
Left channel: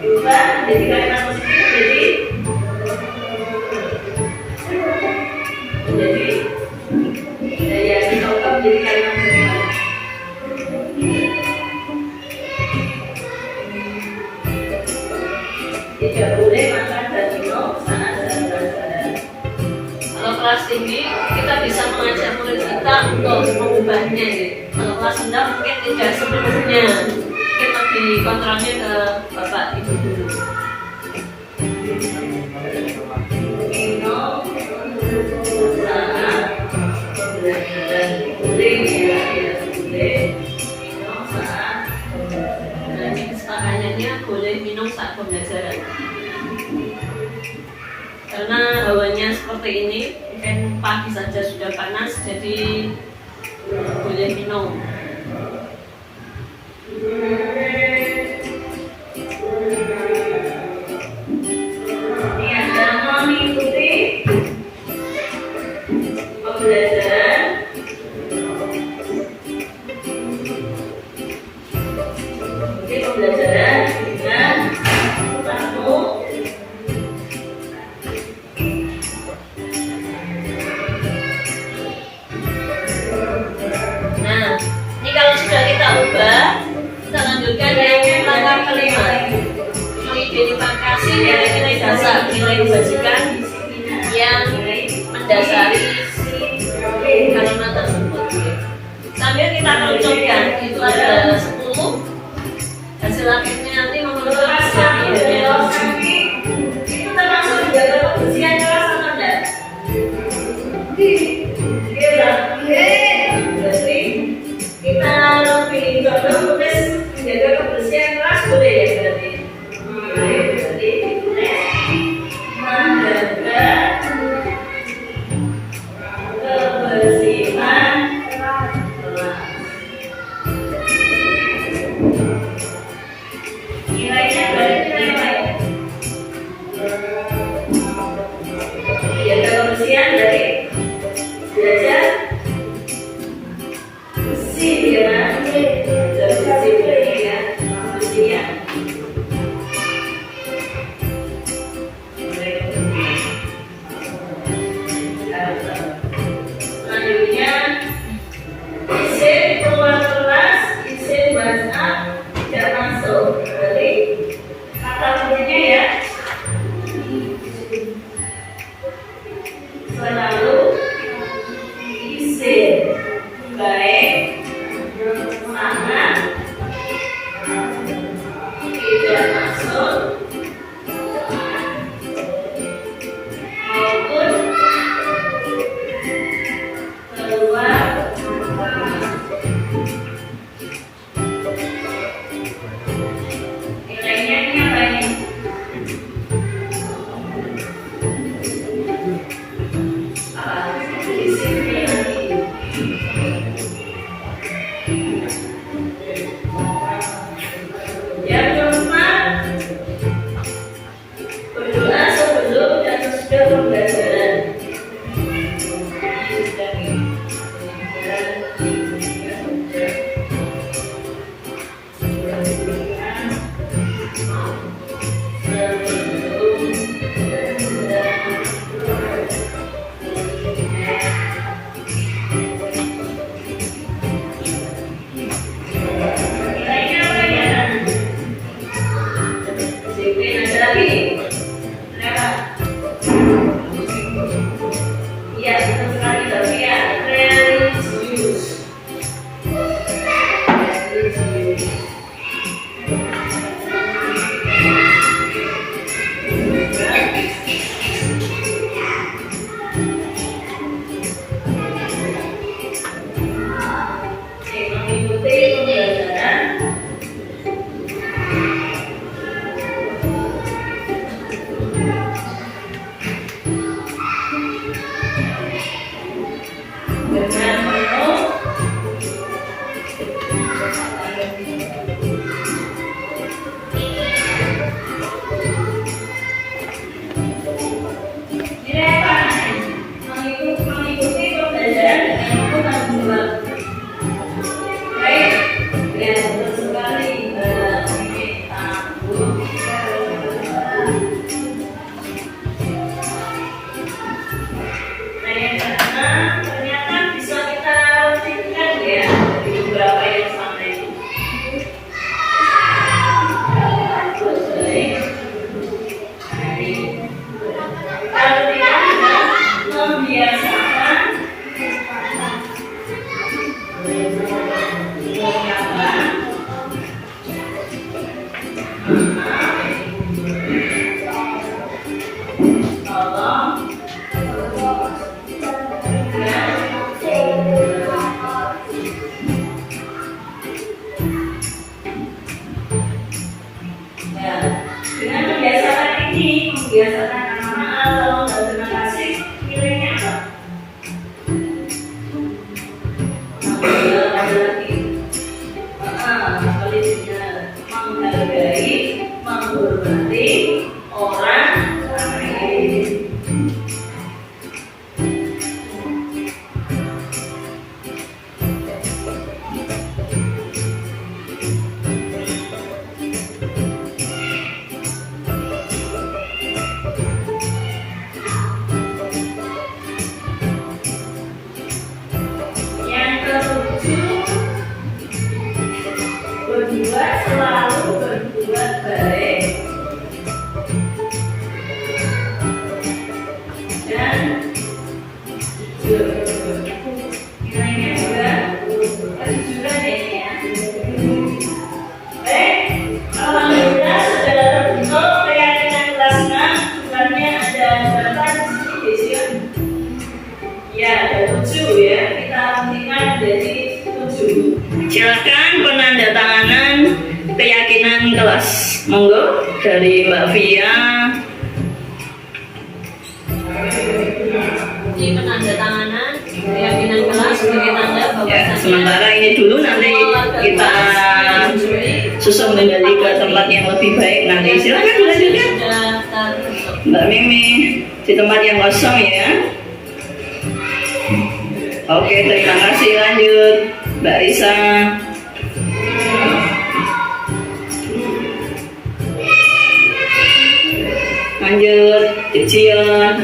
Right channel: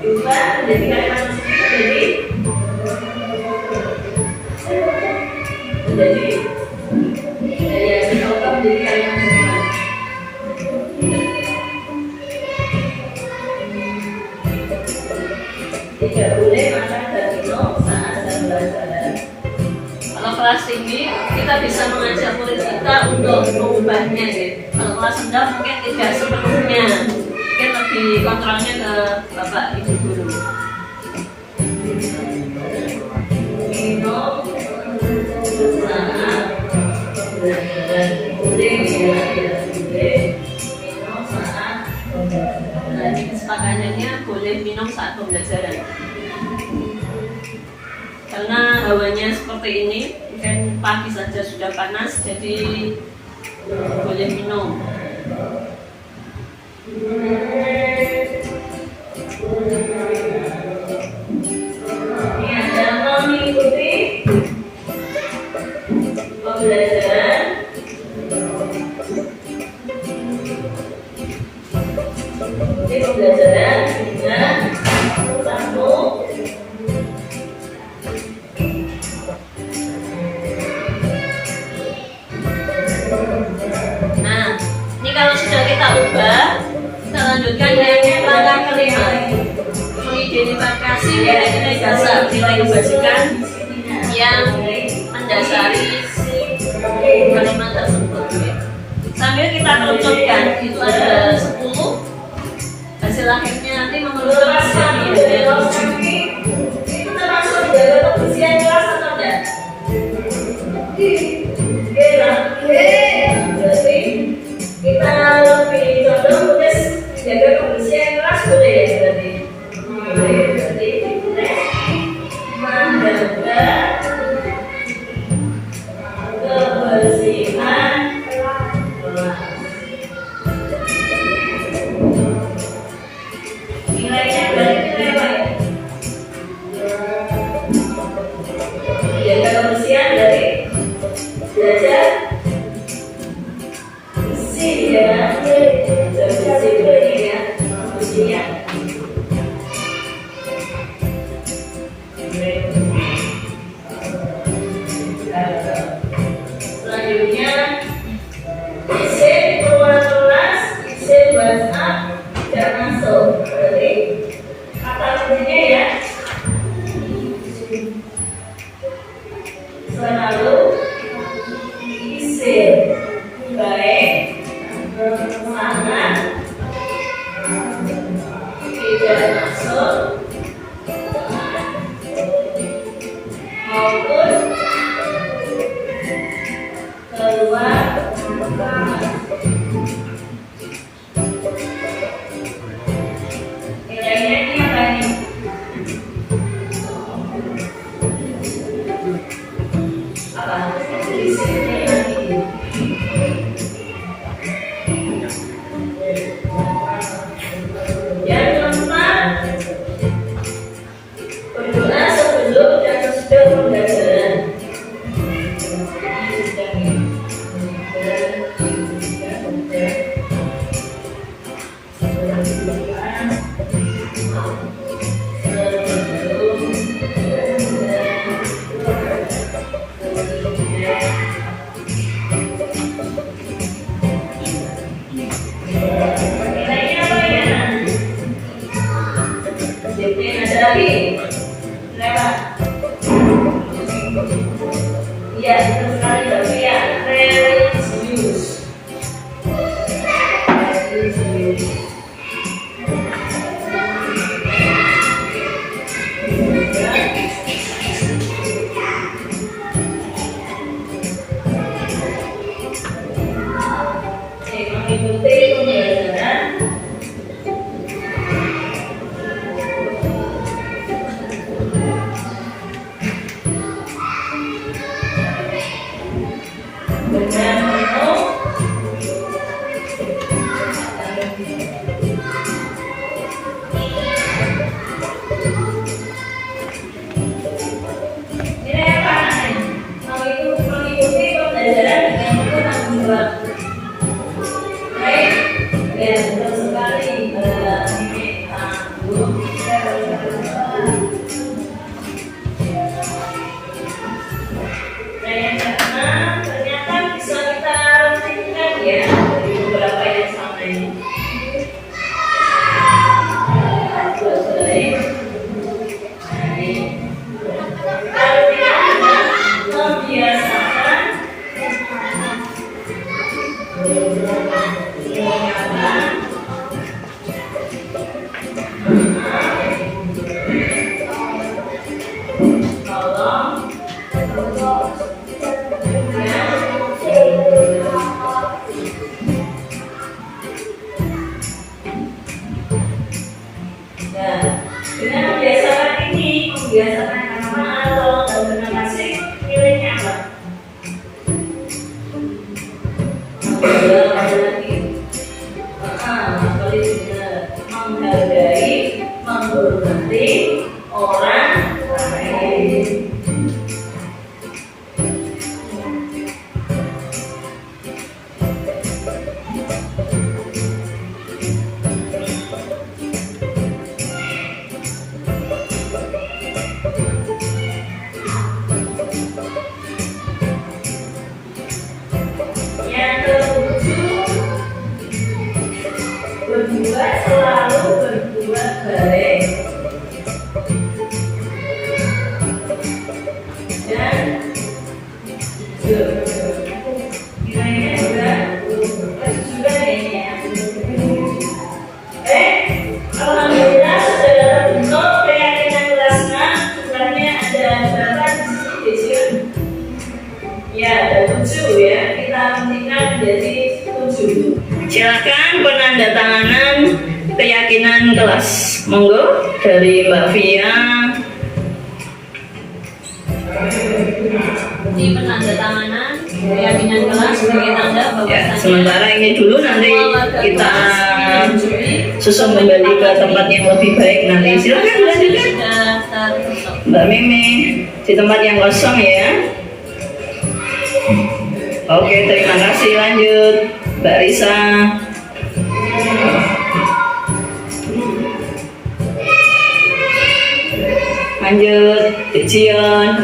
diubah menjadi kalimat positif, menjadi ya kita ubah menjadi kalimat positif. Tidak boleh makan dan minum saat jam pelajaran. Kalau kelas tinggi, kita bisa mengajak murid kita untuk mengubahnya ya. Kalau kelas rendah mungkin tidak sepenuhnya, mungkin lebih kontrolnya ke bapak ibu guru. Minum saat pembelajaran boleh ya, tidak boleh minum saat pembelajaran. Nah, ini kesepakatannya boleh minum saat pembelajaran. Karena hawanya seperti ini, mungkin pagi saja sudah panas, jadi boleh minum. Ini ada mengikuti pembelajaran. Oke, pembelajaran dengan kamu. Ubah, kita lanjutkan yang langkah kelima, mengidentifikasi nilai-nilai dasar, nilai kebajikan yang mendasari kalimat tersebut. Sambil kita kerucutkan, itu ada 10, hasil akhirnya nanti mengerucut menjadi 7. Itu termasuk menjaga kebersihan kelas atau tidak? Berarti kita lebih condong tulis menjaga kebersihan kelas, boleh ya berarti? Boleh, berarti menjaga kebersihan kelas. Ini juga kejujuran ya ini ya. Alhamdulillah sudah terbentuk keyakinan kelasnya. Jumlahnya ada berapa di sini Desya? Ya ada 7 ya. Kita pentingkan jadi 7. Silakan penandatanganan keyakinan kelas. Monggo dari Mbak Via. Di penandatanganan keyakinan kelas sebagai tanda bahwasannya. Ya, sementara ini dulu nanti kita susun kembali ke tempat yang lebih baik nanti. Silakan lanjutkan. Mbak Mimi di tempat yang kosong ya. Oke, terima kasih. Lanjut Mbak Risa. Lanjut Cik Cion.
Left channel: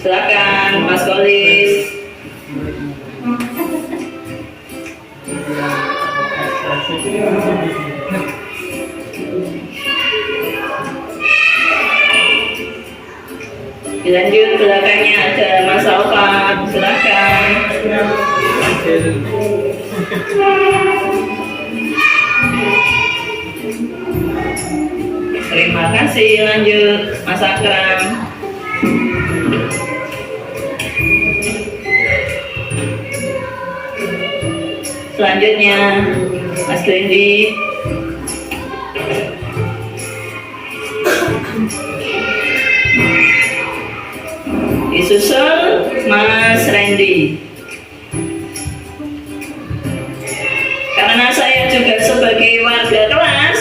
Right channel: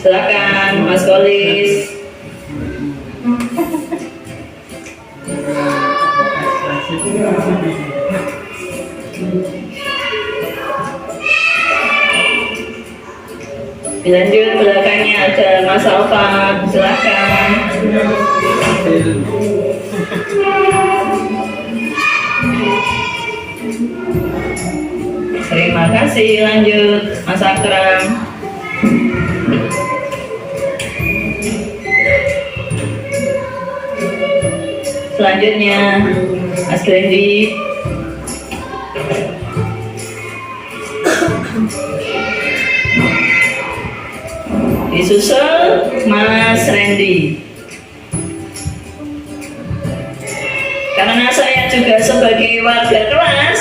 Silakan Mas Kolis. Dilanjut belakangnya ada Mas Alfan. Silakan. Terima kasih. Lanjut Mas Akram. Selanjutnya Mas Glendi. Disusul Mas Randy. Karena saya juga sebagai warga kelas,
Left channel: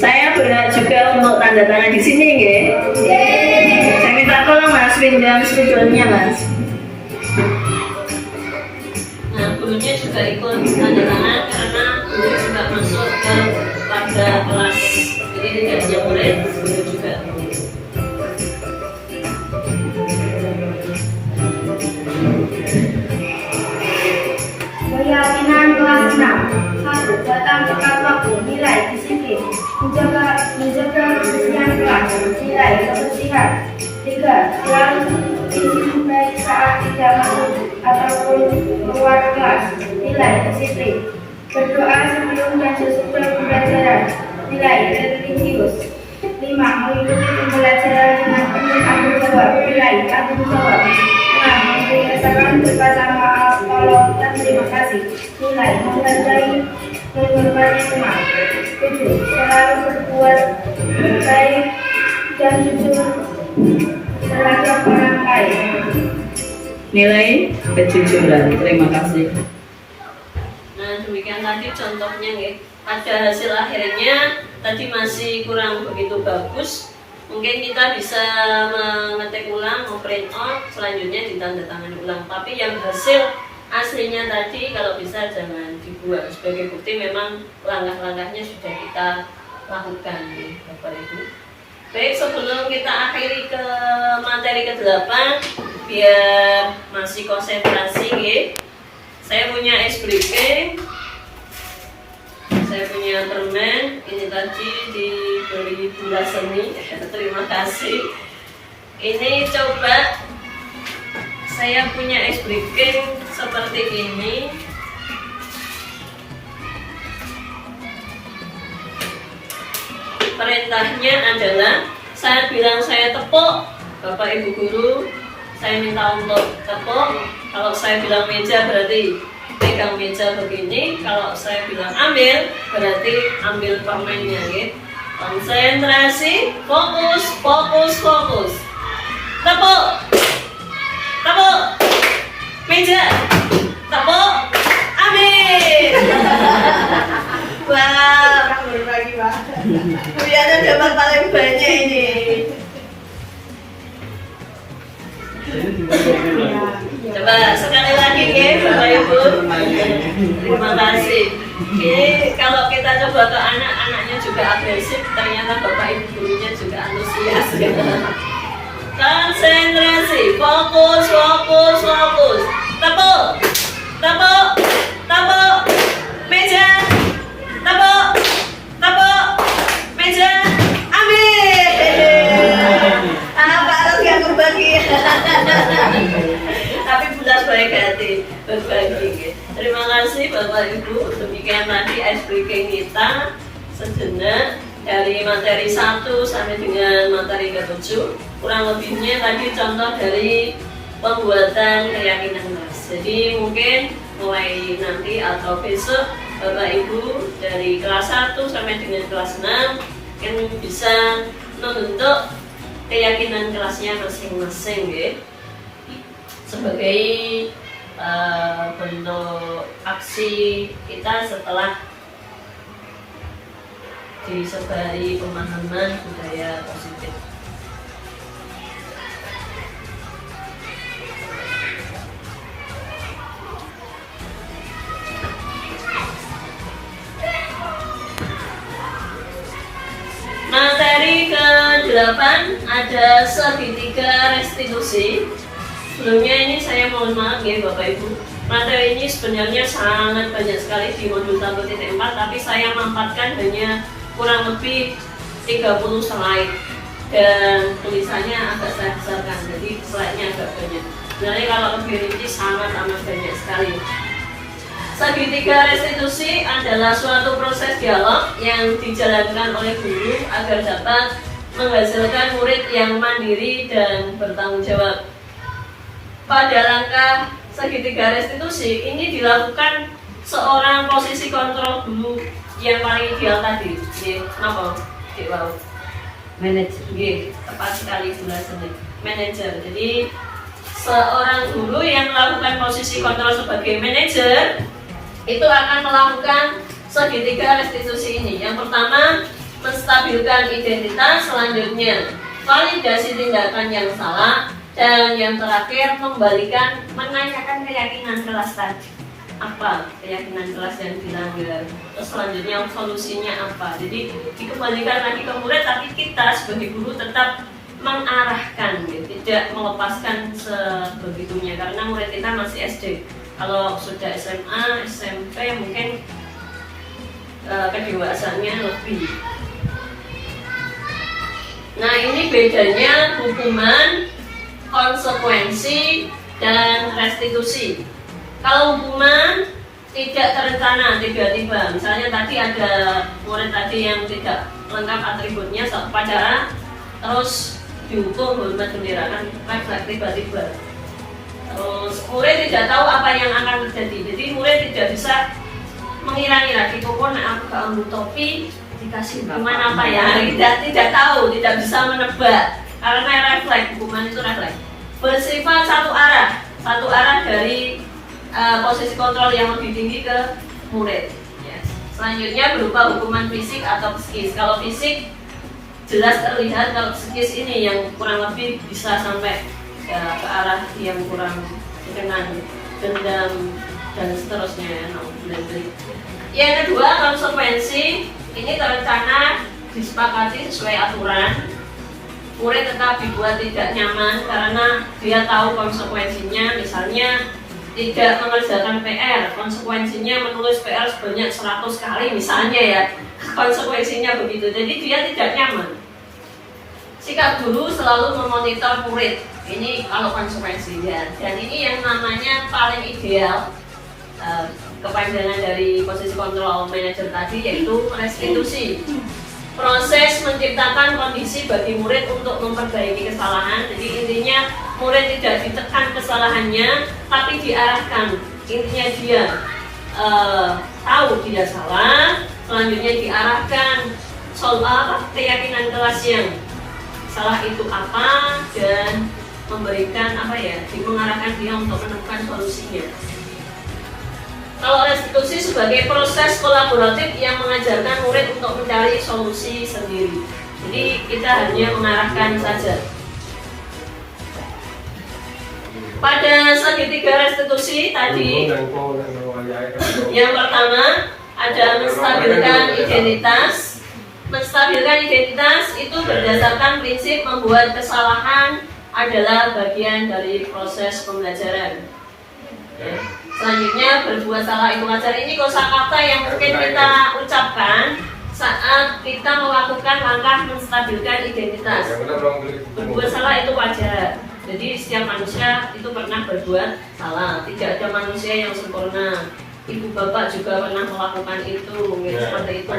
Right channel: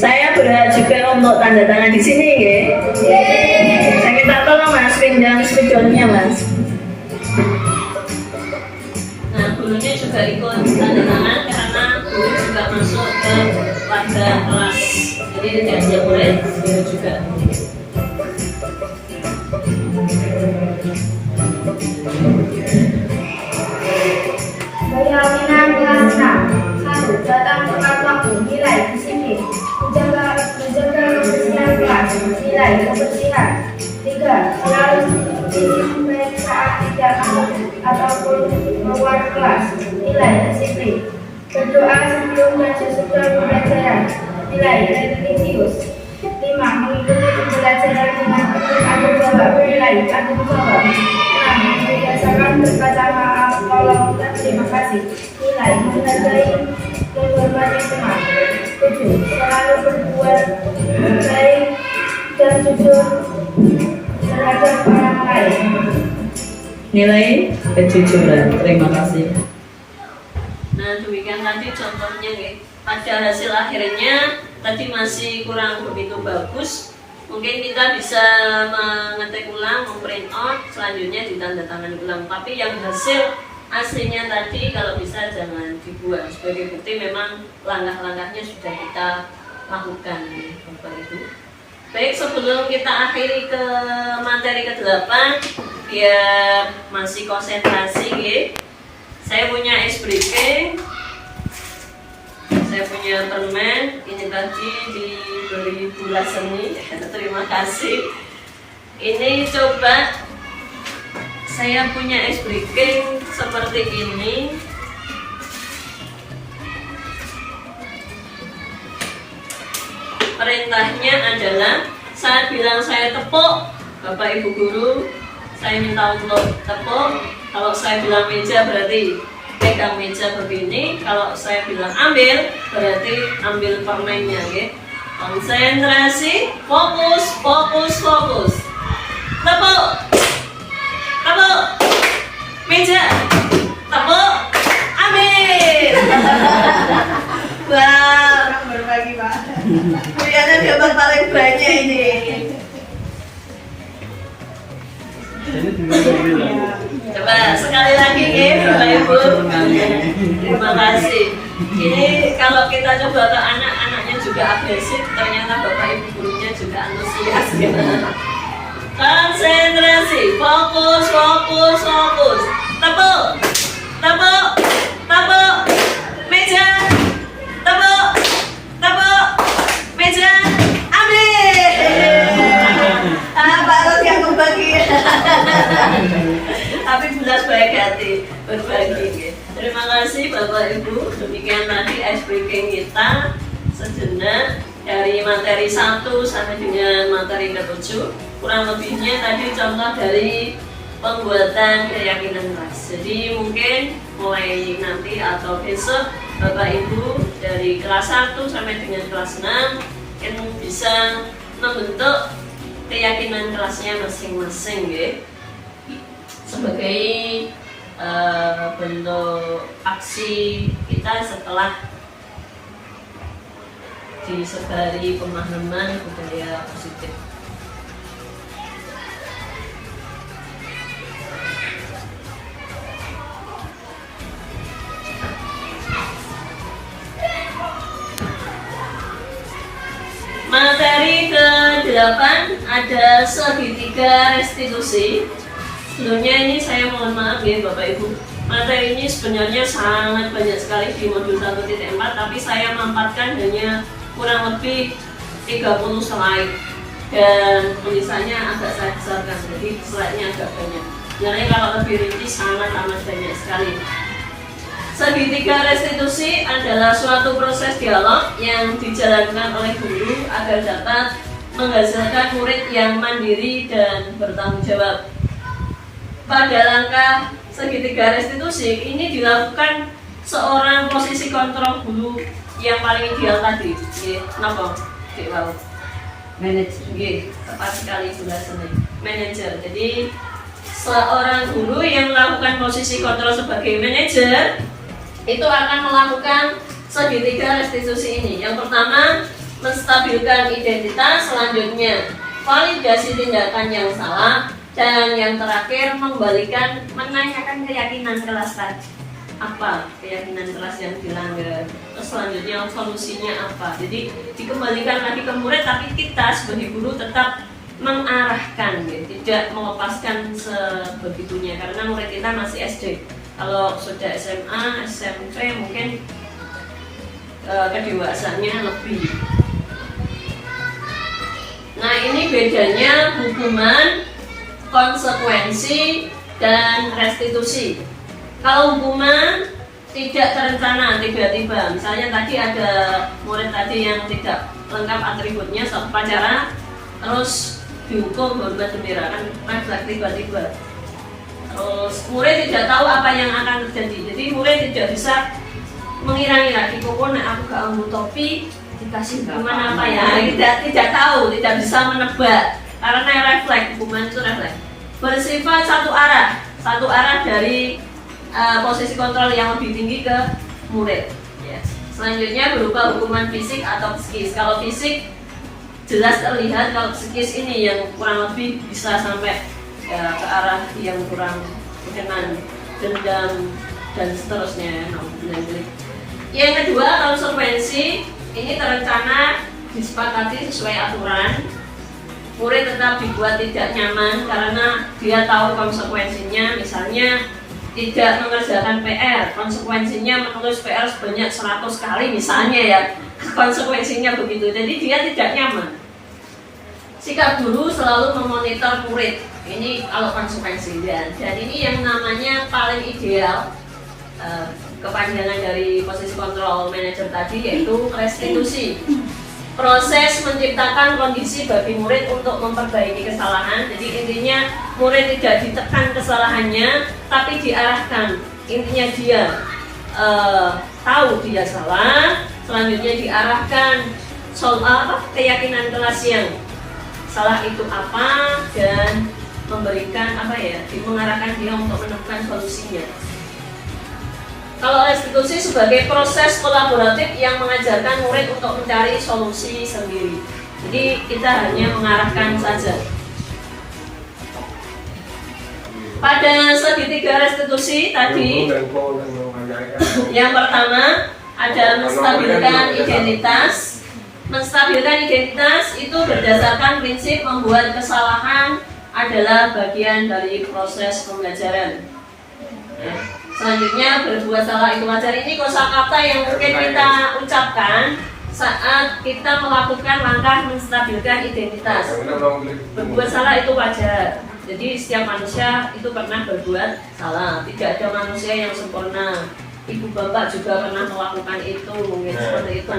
saya berhak juga untuk tanda tangan di sini, ya. Saya minta tolong Mas pinjam spidolnya, Mas. Nah, gurunya juga ikut tanda tangan karena guru juga masuk ke warga kelas. Jadi tidak hanya murid, guru juga. Keyakinan kelas 6. 1. Datang tepat waktu. Nilai disiplin. Menjaga kebersihan kelas. Nilai kebersihan. 3. Selalu disiplin saat tidak masuk ataupun keluar kelas. Nilai disiplin. Berdoa sebelum dan sesudah pembelajaran. Nilai religius. 5. Mengikuti pembelajaran dengan penuh tanggung jawab. Nilai tanggung jawab. 6. Membiasakan berkata tolong dan terima kasih. Nilai menghargai menghormati teman. 7. Selalu berbuat baik dan jujur terhadap orang lain. Nilai kejujuran. Terima kasih. Nah, demikian tadi contohnya, ya. Pada hasil akhirnya tadi masih kurang begitu bagus. Mungkin kita bisa mengetik ulang, memprint out, selanjutnya ditandatangani ulang. Tapi yang hasil aslinya tadi kalau bisa jangan dibuang. Sebagai bukti memang langkah-langkahnya sudah kita lakukan, Bapak Ibu. Baik, sebelum kita akhiri ke materi ke-8, biar masih konsentrasi, ya. Saya punya ice breaking. Saya punya permen, ini tadi diberi gula seni, terima kasih. Ini coba saya punya ice breaking seperti ini. Perintahnya adalah saya bilang saya tepuk, Bapak Ibu Guru, saya minta untuk tepuk. Kalau saya bilang meja berarti pegang meja begini. Kalau saya bilang ambil, berarti ambil permennya, ya. Konsentrasi, fokus, fokus, fokus. Tepuk, tepuk, meja, tepuk, ambil. Wah, berbagi, Pak. Kalian dapat paling banyak ini. Coba sekali lagi, ya, Bapak Ibu. Terima kasih. Ini kalau kita coba ke anak-anaknya juga agresif, ternyata Bapak Ibu gurunya juga antusias, ya. Konsentrasi, fokus, fokus, fokus. Tepuk, tepuk, tepuk, meja, tepuk, tepuk, meja. ganti berbagi. Terima kasih Bapak Ibu. Demikian tadi ice breaking kita sejenak dari materi 1 sampai dengan materi ke-7. Kurang lebihnya tadi contoh dari pembuatan keyakinan kelas. Jadi mungkin mulai nanti atau besok Bapak Ibu dari kelas 1 sampai dengan kelas 6 kan bisa membentuk keyakinan kelasnya masing-masing ya. Sebagai bentuk aksi kita setelah disebari pemahaman budaya positif. Materi ke-8 ada segitiga restitusi. Sebelumnya ini saya mohon maaf ya Bapak Ibu, materi ini sebenarnya sangat banyak sekali di modul 1.4, tapi saya mempatkan hanya kurang lebih 30 slide dan tulisannya agak saya besarkan, jadi slide-nya agak banyak. Sebenarnya kalau lebih rinci sangat banyak sekali. Segitiga restitusi adalah suatu proses dialog yang dijalankan oleh guru agar dapat menghasilkan murid yang mandiri dan bertanggung jawab. Pada langkah segitiga restitusi ini dilakukan seorang posisi kontrol guru yang paling ideal tadi. Kenapa? Wow. Manajer. Tepat sekali sebenarnya. Manajer. Jadi seorang guru yang melakukan posisi kontrol sebagai manajer itu akan melakukan segitiga restitusi ini. Yang pertama, menstabilkan identitas, selanjutnya validasi tindakan yang salah, dan yang terakhir menanyakan keyakinan kelas tadi. Apa keyakinan kelas yang dilanggar? Terus selanjutnya solusinya apa? Jadi dikembalikan lagi ke murid, tapi kita sebagai guru tetap mengarahkan, ya, tidak melepaskan sebegitunya karena murid kita masih SD. Kalau sudah SMA, SMP mungkin kedewasaannya lebih. Nah, ini bedanya hukuman, konsekuensi, dan restitusi. Kalau hukuman tidak terencana, tiba-tiba. Misalnya tadi ada murid tadi yang tidak lengkap atributnya satu upacara, terus dihukum hormat bendera, kan refleks tiba-tiba. Terus murid tidak tahu apa yang akan terjadi, jadi murid tidak bisa mengira-ngira. Pokoknya aku gak ambil topi dikasih hukuman apa ya? Tidak tahu, tidak bisa menebak karena refleks, hukuman itu refleks. Bersifat satu arah dari posisi kontrol yang lebih tinggi ke murid. Yes. Selanjutnya berupa hukuman fisik atau psikis. Kalau fisik jelas terlihat, kalau psikis ini yang kurang lebih bisa sampai ya, ke arah yang kurang berkenan, dendam dan seterusnya ya. Yang kedua, konsekuensi ini terencana, disepakati sesuai aturan. Murid tetap dibuat tidak nyaman karena dia tahu konsekuensinya. Misalnya tidak mengerjakan PR, konsekuensinya menulis PR sebanyak 100 kali misalnya ya, konsekuensinya begitu. Jadi dia tidak nyaman. Sikap guru selalu memonitor murid. Ini kalau konsekuensi dan ini yang namanya paling ideal kepanjangan dari posisi kontrol manajer tadi, yaitu restitusi. Proses menciptakan kondisi bagi murid untuk memperbaiki kesalahan. Jadi intinya murid tidak ditekan kesalahannya, tapi diarahkan. Intinya dia tahu dia salah, selanjutnya diarahkan soal keyakinan kelas yang salah itu apa, dan memberikan mengarahkan dia untuk menemukan solusinya. Kalau restitusi sebagai proses kolaboratif yang mengajarkan murid untuk mencari solusi sendiri. Jadi kita hanya mengarahkan saja. Pada segitiga restitusi tadi, yang pertama ada menstabilkan identitas. Menstabilkan identitas itu berdasarkan prinsip membuat kesalahan adalah bagian dari proses pembelajaran. Selanjutnya, berbuat salah itu wajar. Ini kosakata yang mungkin kita ucapkan saat kita melakukan langkah menstabilkan identitas. Berbuat salah itu wajar. Jadi setiap manusia itu pernah berbuat salah. Tidak ada manusia yang sempurna. Ibu bapak juga pernah melakukan itu, mungkin seperti itu.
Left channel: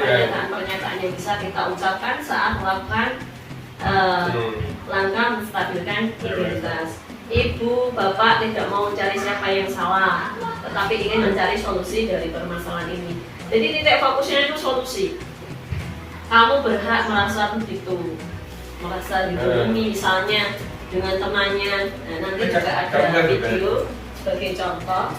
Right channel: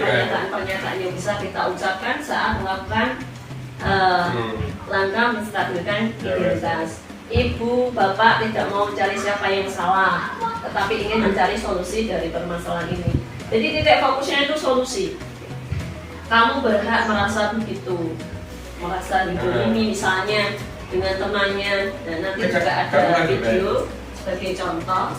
Pernyataan-pernyataan yang bisa kita ucapkan saat melakukan langkah menstabilkan identitas. Ibu bapak tidak mau mencari siapa yang salah, tetapi ingin mencari solusi dari permasalahan ini. Jadi titik fokusnya itu solusi. Kamu berhak merasa begitu, merasa dihubungi misalnya dengan temannya. Nah, nanti juga ada video sebagai contoh.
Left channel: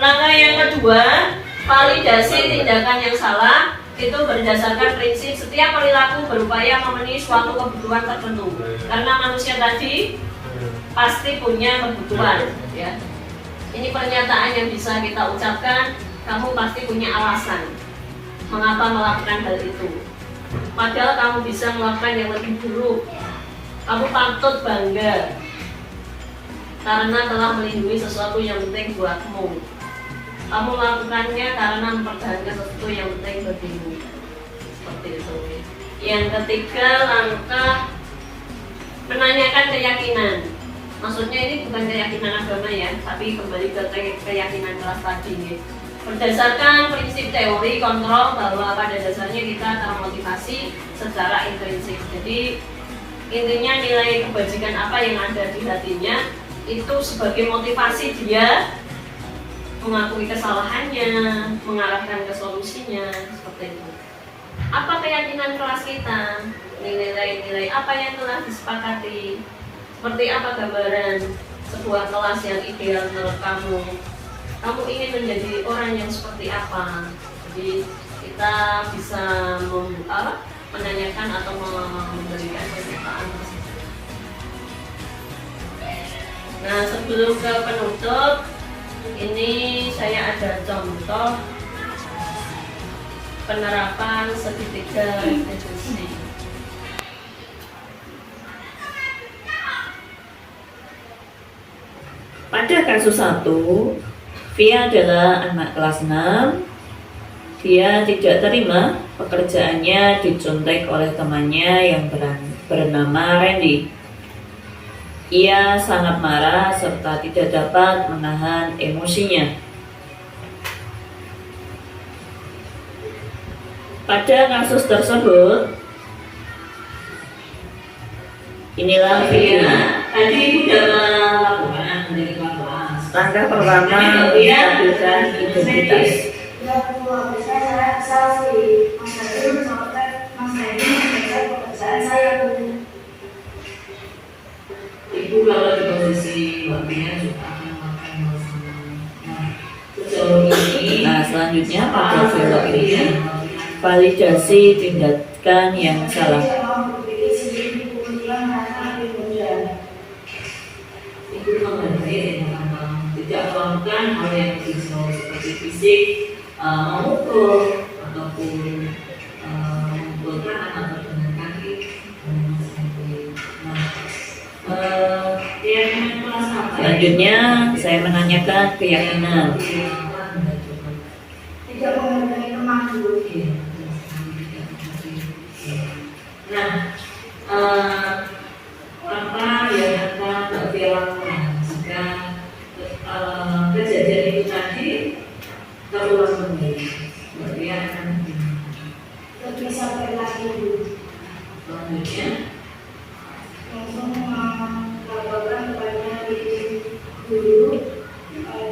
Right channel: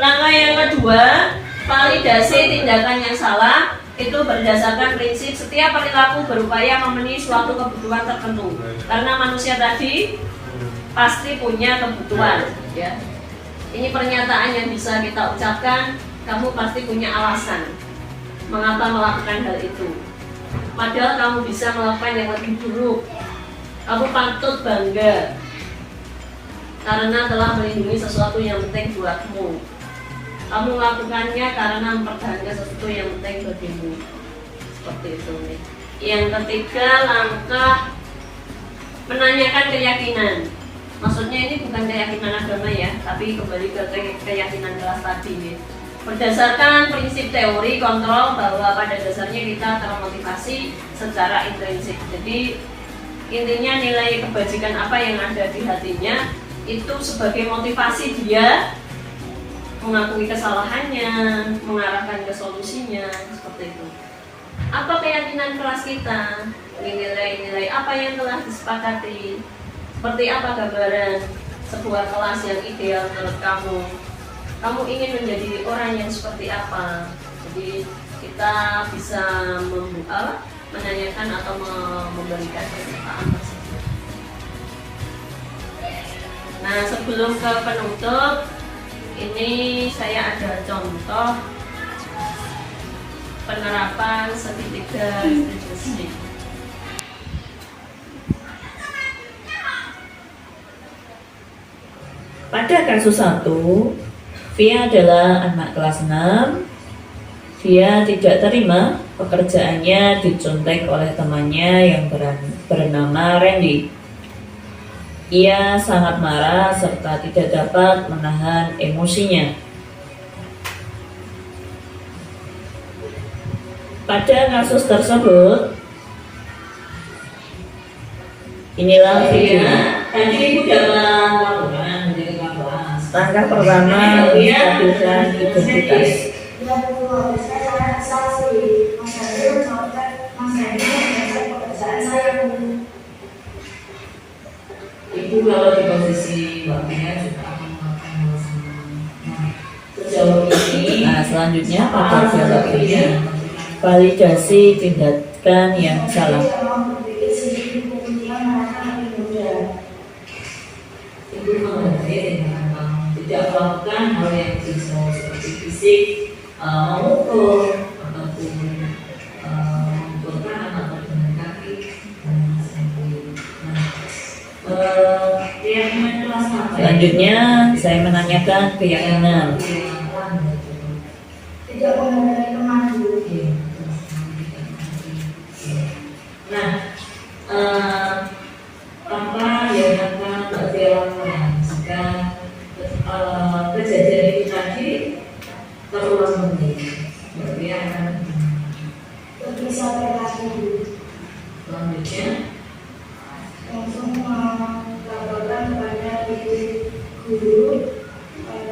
Langkah yang kedua, validasi tindakan yang salah itu berdasarkan prinsip setiap perilaku berupaya memenuhi suatu kebutuhan tertentu. Karena manusia tadi pasti punya kebutuhan, ya. Ini pernyataan yang bisa kita ucapkan. Kamu pasti punya alasan mengapa melakukan hal itu. Padahal kamu bisa melakukan yang lebih buruk. Kamu patut bangga karena telah melindungi sesuatu yang penting buatmu. Kamu melakukannya karena mempertahankan sesuatu yang penting bagimu. Seperti itu. Yang ketiga, langkah menanyakan keyakinan. Maksudnya ini bukan keyakinan agama ya, tapi kembali ke keyakinan kelas tadi. Berdasarkan prinsip teori kontrol bahwa pada dasarnya kita termotivasi secara intrinsik. Jadi intinya nilai kebajikan apa yang ada di hatinya itu sebagai motivasi dia mengakui kesalahannya, mengarahkan ke solusinya, seperti itu. Apa keyakinan kelas kita? Nilai-nilai apa yang telah disepakati? Seperti apa gambaran sebuah kelas yang ideal menurut kamu? Kamu ingin menjadi orang yang seperti apa? Jadi kita bisa menanyakan atau memberikan pernyataan tersebut. Nah, sebelum ke penutup, ini saya ada contoh penerapan segitiga restitusi. Pada kasus 1, Via adalah anak kelas 6. Dia tidak terima pekerjaannya dicontek oleh temannya yang bernama Randy. Ia sangat marah serta tidak dapat menahan emosinya. Pada kasus tersebut, inilah Via. Tadi ibu dalam langkah pertama menstabilkan identitas. Ibu kalau di posisi Mbak Pia juga akan melakukan hal sama. Nah, sejauh ini, selanjutnya pada dialog ini validasi tindakan yang salah. Ibu menghargai tidak melakukan hal yang risau seperti fisik, memukul ataupun memukulkan atau dengan kaki dan sebagainya. Selanjutnya saya menanyakan keyakinan. Tidak menghargai teman dulu. Nah, apa yang akan Mbak Fia lakukan jika kejadian itu tadi terulang kembali? Mbak Fia akan Lebih sabar lagi dulu. selanjutnya Langsung melaporkan kepada guru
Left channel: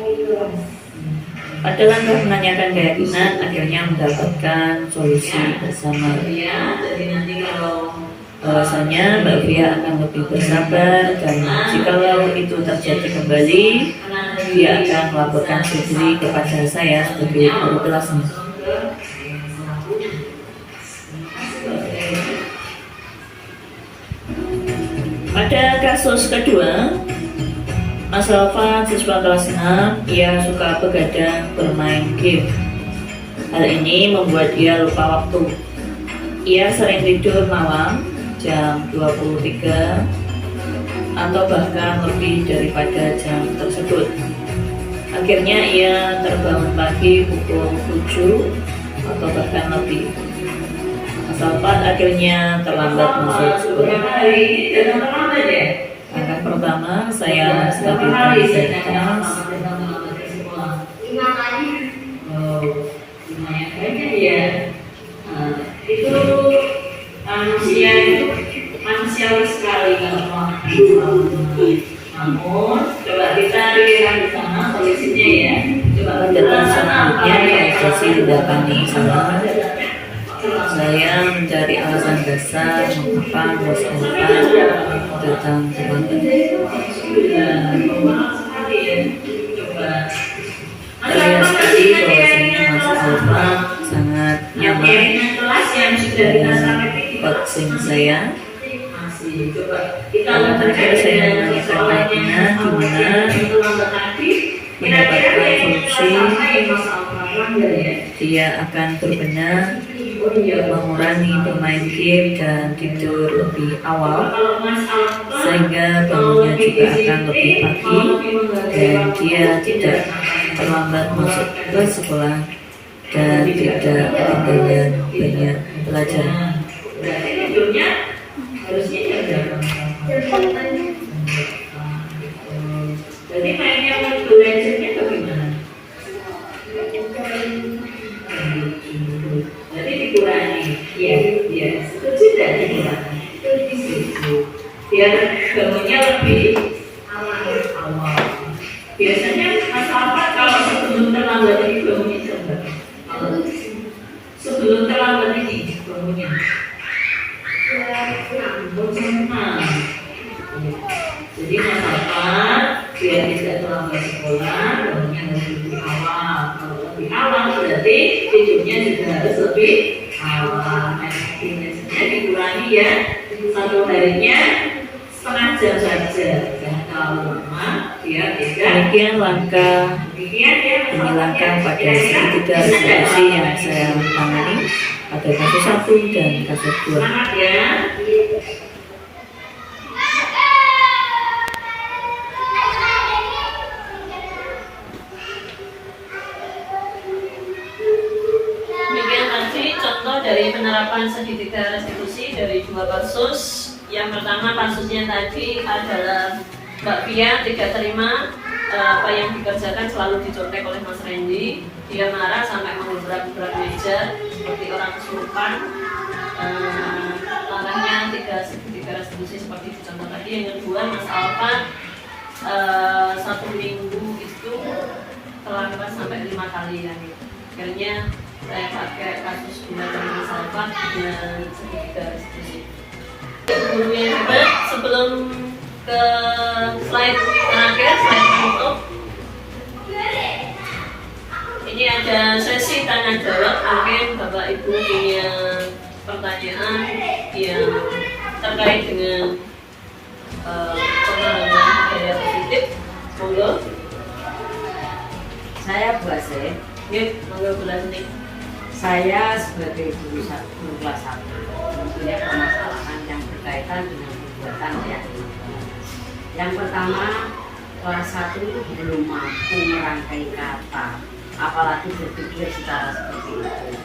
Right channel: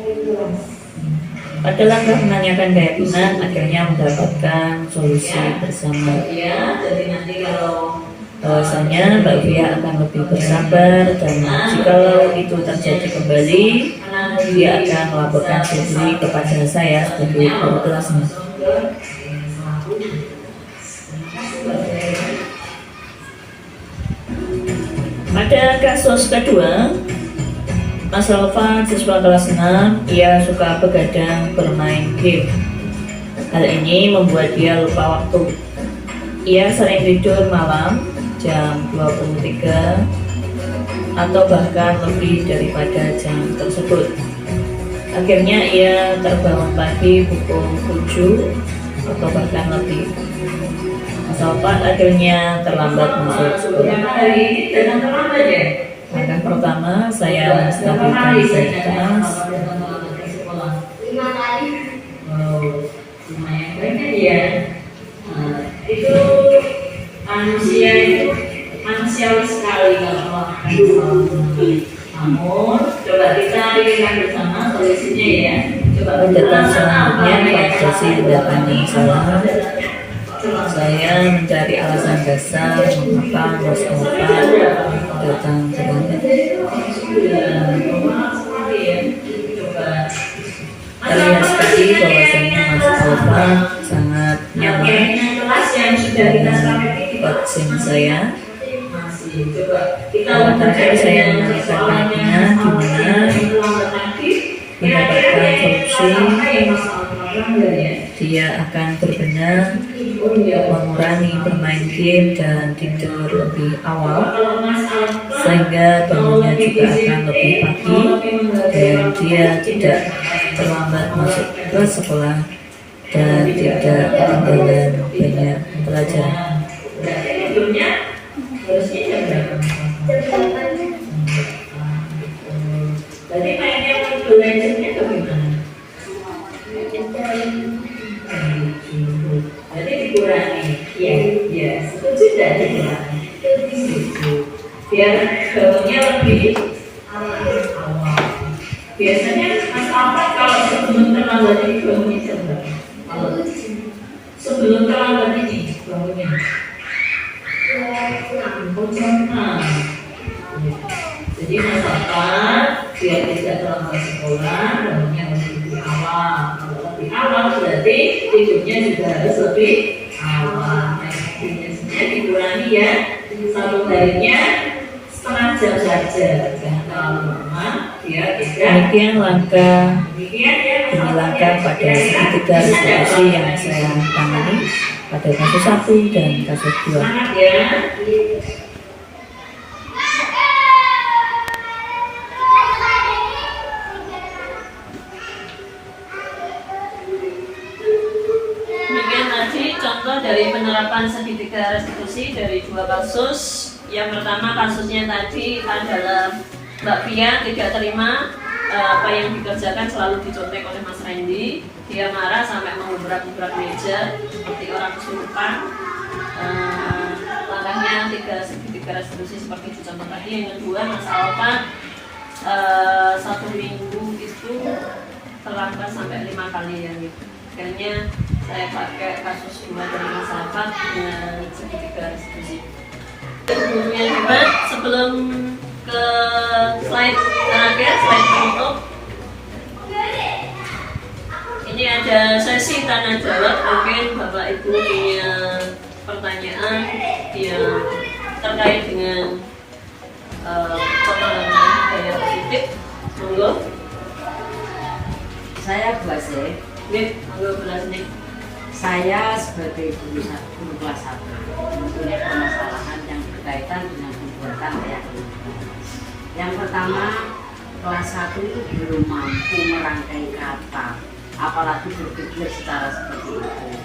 di kelas. pada langkah menanyakan keyakinan akhirnya mendapatkan solusi bersama. Jadi nanti kalau bahwasanya Mbak Fia akan lebih bersabar dan jikalau itu terjadi kembali, dia akan melaporkan sendiri kepada saya sebagai guru kelasnya. Pada kasus kedua, Mas Alfa, siswa kelas 6, ia suka begadang bermain game. Hal ini membuat dia lupa waktu. Ia sering tidur malam jam 23 atau bahkan lebih daripada jam tersebut. Akhirnya ia terbangun pagi pukul 7 atau bahkan lebih. Mas Alfa akhirnya terlambat masuk sekolah. Datang terlambat ya? Langkah pertama saya stabilkan identitas. Lumayan banyak ya. Itu manusiawi sekali kalau namun coba kita lihat bersama solusinya ya. Coba Tindakan selanjutnya yaitu tindakan yang salah. Saya mencari alasan dasar mengapa bos datang terlambat. Terlihat sekali bahwasanya Mas Alfa sangat nyaman coaching saya. Karena saya menanyakan baiknya gimana mendapatkan solusi, dia akan berbenah, mengurangi bermain game dan tidur lebih awal, sehingga bangunnya juga akan lebih pagi dan dia tidak terlambat masuk ke sekolah dan tidak ketinggalan banyak pelajaran. Berarti mainnya Mobile Legends-nya bagaimana? Berarti dikurangi. Iya, setuju tidak dikurangi? Setuju. Biar bangunnya lebih awal. Biasanya Mas Alfa kalau sebelum terlambat ini bangunnya coba. Sebelum terlambat ini bangunnya. Jadi Mas Alfa biar tidak terlambat sekolah, bangunnya lebih awal. Kalau lebih awal berarti tidurnya juga harus lebih awal. Biasanya dikurangi ya, satu harinya setengah jam saja, jangan terlalu lama. Biar tidak. Demikian langkah menghilangkan pada segitiga resolusi yang saya tangani pada kasus 1 dan kasus 2. Semangat ya. Demikian tadi contoh dari penerapan segitiga restitusi dari 2 kasus. Yang pertama kasusnya tadi adalah Mbak Pia tidak terima apa yang dikerjakan selalu dicontek oleh Mas Randy. Dia marah sampai mengubrak-ubrak meja seperti orang kesurupan. Langkahnya segitiga restitusi seperti dicontoh tadi. Yang kedua Mas Alfa 1 minggu itu terlambat sampai 5 kali ya. Akhirnya saya pakai kasus 2 dari Mas Alfa dan segitiga restitusi. Sebelumnya juga sebelum ke slide terakhir, slide penutup. Ini ada sesi tanya jawab. Mungkin Bapak Ibu punya pertanyaan yang terkait dengan penanganan budaya positif. Monggo. Saya Bu Asih. Monggo belas nih. Saya sebagai guru kelas 1 mempunyai permasalahan yang berkaitan dengan pembuatan keyakinan. Yang pertama, kelas 1 itu belum mampu merangkai kata, apalagi berpikir secara seperti itu.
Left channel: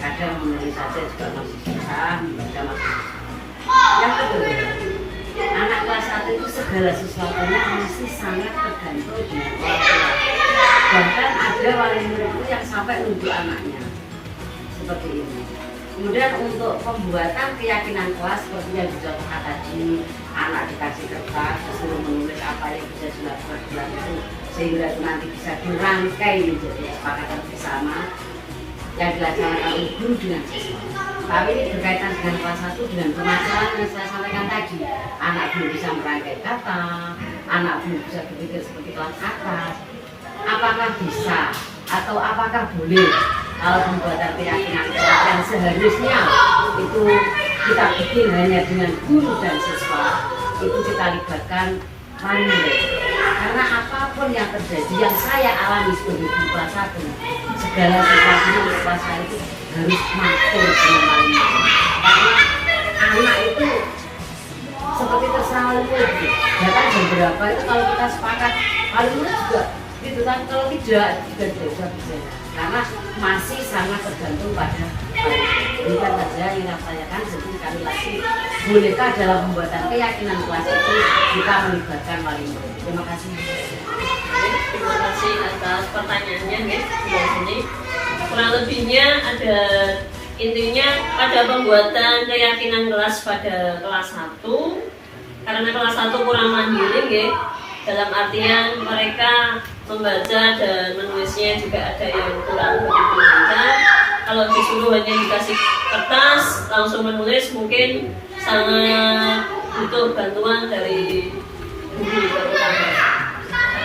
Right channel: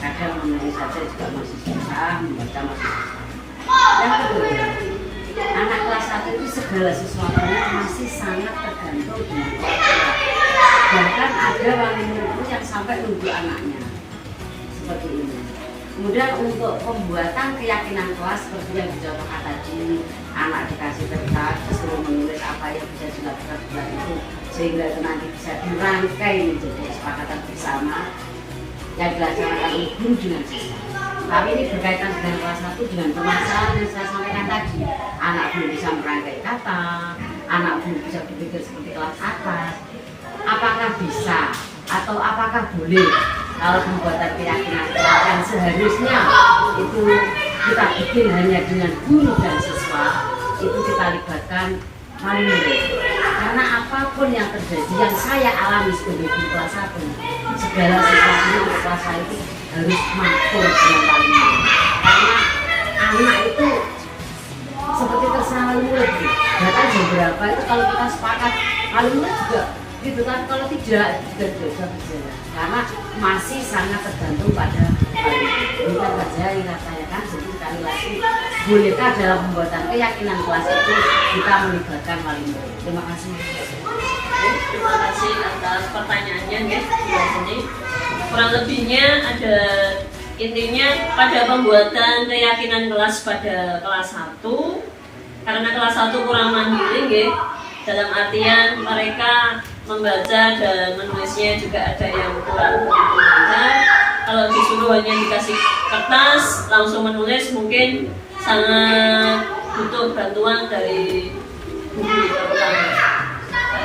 Kadang menulis saja juga masih susah, membaca masih susah. Yang kedua, anak kelas 1 itu segala sesuatunya masih sangat tergantung dengan orang tua. Bahkan ada wali murid itu yang sampai nunjuk anaknya seperti ini. Kemudian untuk pembuatan keyakinan kelas seperti yang dicontohkan tadi, anak dikasih kertas disuruh menulis apa yang bisa dilakukan bulan itu, sehingga itu nanti bisa dirangkai menjadi kesepakatan bersama yang dilaksanakan oleh guru dengan siswa. Tapi ini berkaitan dengan kelas 1 dengan permasalahan yang saya sampaikan tadi. Anak belum bisa merangkai kata, anak belum bisa berpikir seperti kelas atas. Apakah bisa atau apakah boleh kalau pembuatan keyakinan kelas yang seharusnya itu kita bikin hanya dengan guru dan siswa, itu kita libatkan wali murid. Karena apapun yang terjadi yang saya alami sebagai guru kelas 1, segala sesuatunya untuk kelas saya itu harus makmur dengan wali murid. Karena anak itu seperti terserah wali murid. Datang jam berapa itu kalau kita sepakat, wali murid juga gitu kan, kalau tidak juga bisa berjalan karena masih sangat tergantung pada Demikian saja yang saya tanyakan. Jadi sekali lagi, bolehkah dalam pembuatan keyakinan kelas itu kita melibatkan wali murid? Terima kasih. Terima kasih atas pertanyaannya guys di sini. Kurang lebihnya ada intinya pada pembuatan keyakinan kelas pada kelas 1, karena kelas 1 kurang mandiri guys. Dalam artian mereka membaca dan menulisnya juga ada yang kurang begitu lancar. Kalau disuruh hanya dikasih kertas langsung menulis mungkin sangat butuh bantuan dari guru terutama.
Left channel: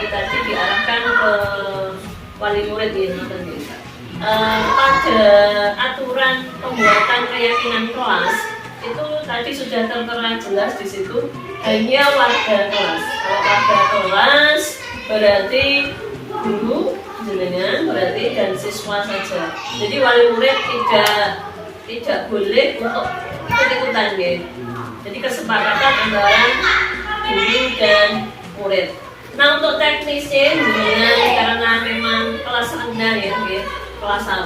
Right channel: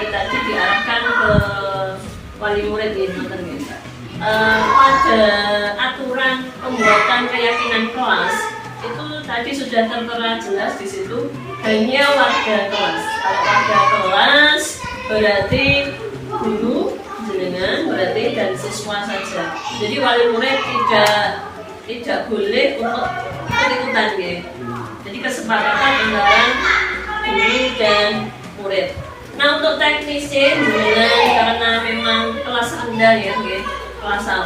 Tadi diarahkan ke wali murid ini, pada aturan pembuatan keyakinan kelas itu tadi sudah tertera jelas di situ hanya warga kelas. Kalau warga kelas berarti guru jenengan berarti dan siswa saja. Jadi wali murid tidak boleh untuk ikut-ikutan ya. Jadi kesepakatan antara guru dan murid. Nah untuk teknisnya karena memang kelas rendah ya, kelas 1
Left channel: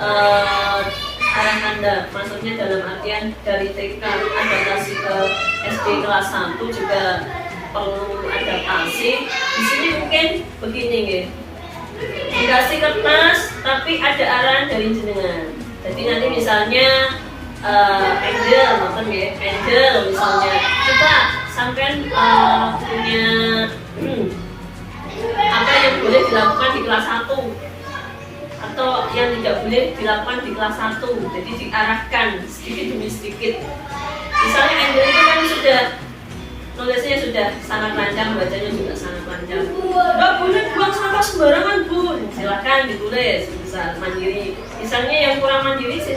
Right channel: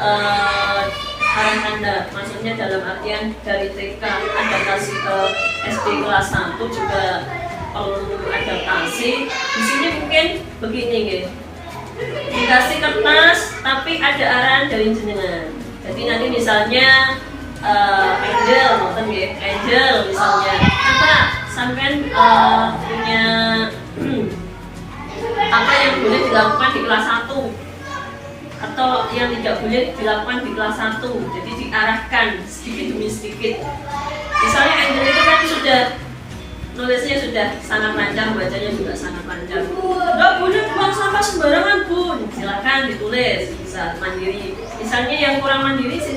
arah Anda, maksudnya dalam artian dari TK adaptasi ke SD kelas 1 juga perlu adaptasi. Di sini mungkin begini ya, dikasih kertas tapi ada arahan dari jenengan. Jadi nanti misalnya Angel misalnya, coba sampean punya apa yang boleh dilakukan di kelas 1 atau yang tidak boleh dilakukan di kelas 1. Jadi diarahkan sedikit demi sedikit. Misalnya Angel itu kan sudah nulisnya sudah sangat lancar, bacanya juga sangat lancar. Nggak boleh buang sampah sembarangan bun, silakan ditulis, bisa mandiri. Misalnya yang kurang mandiri sih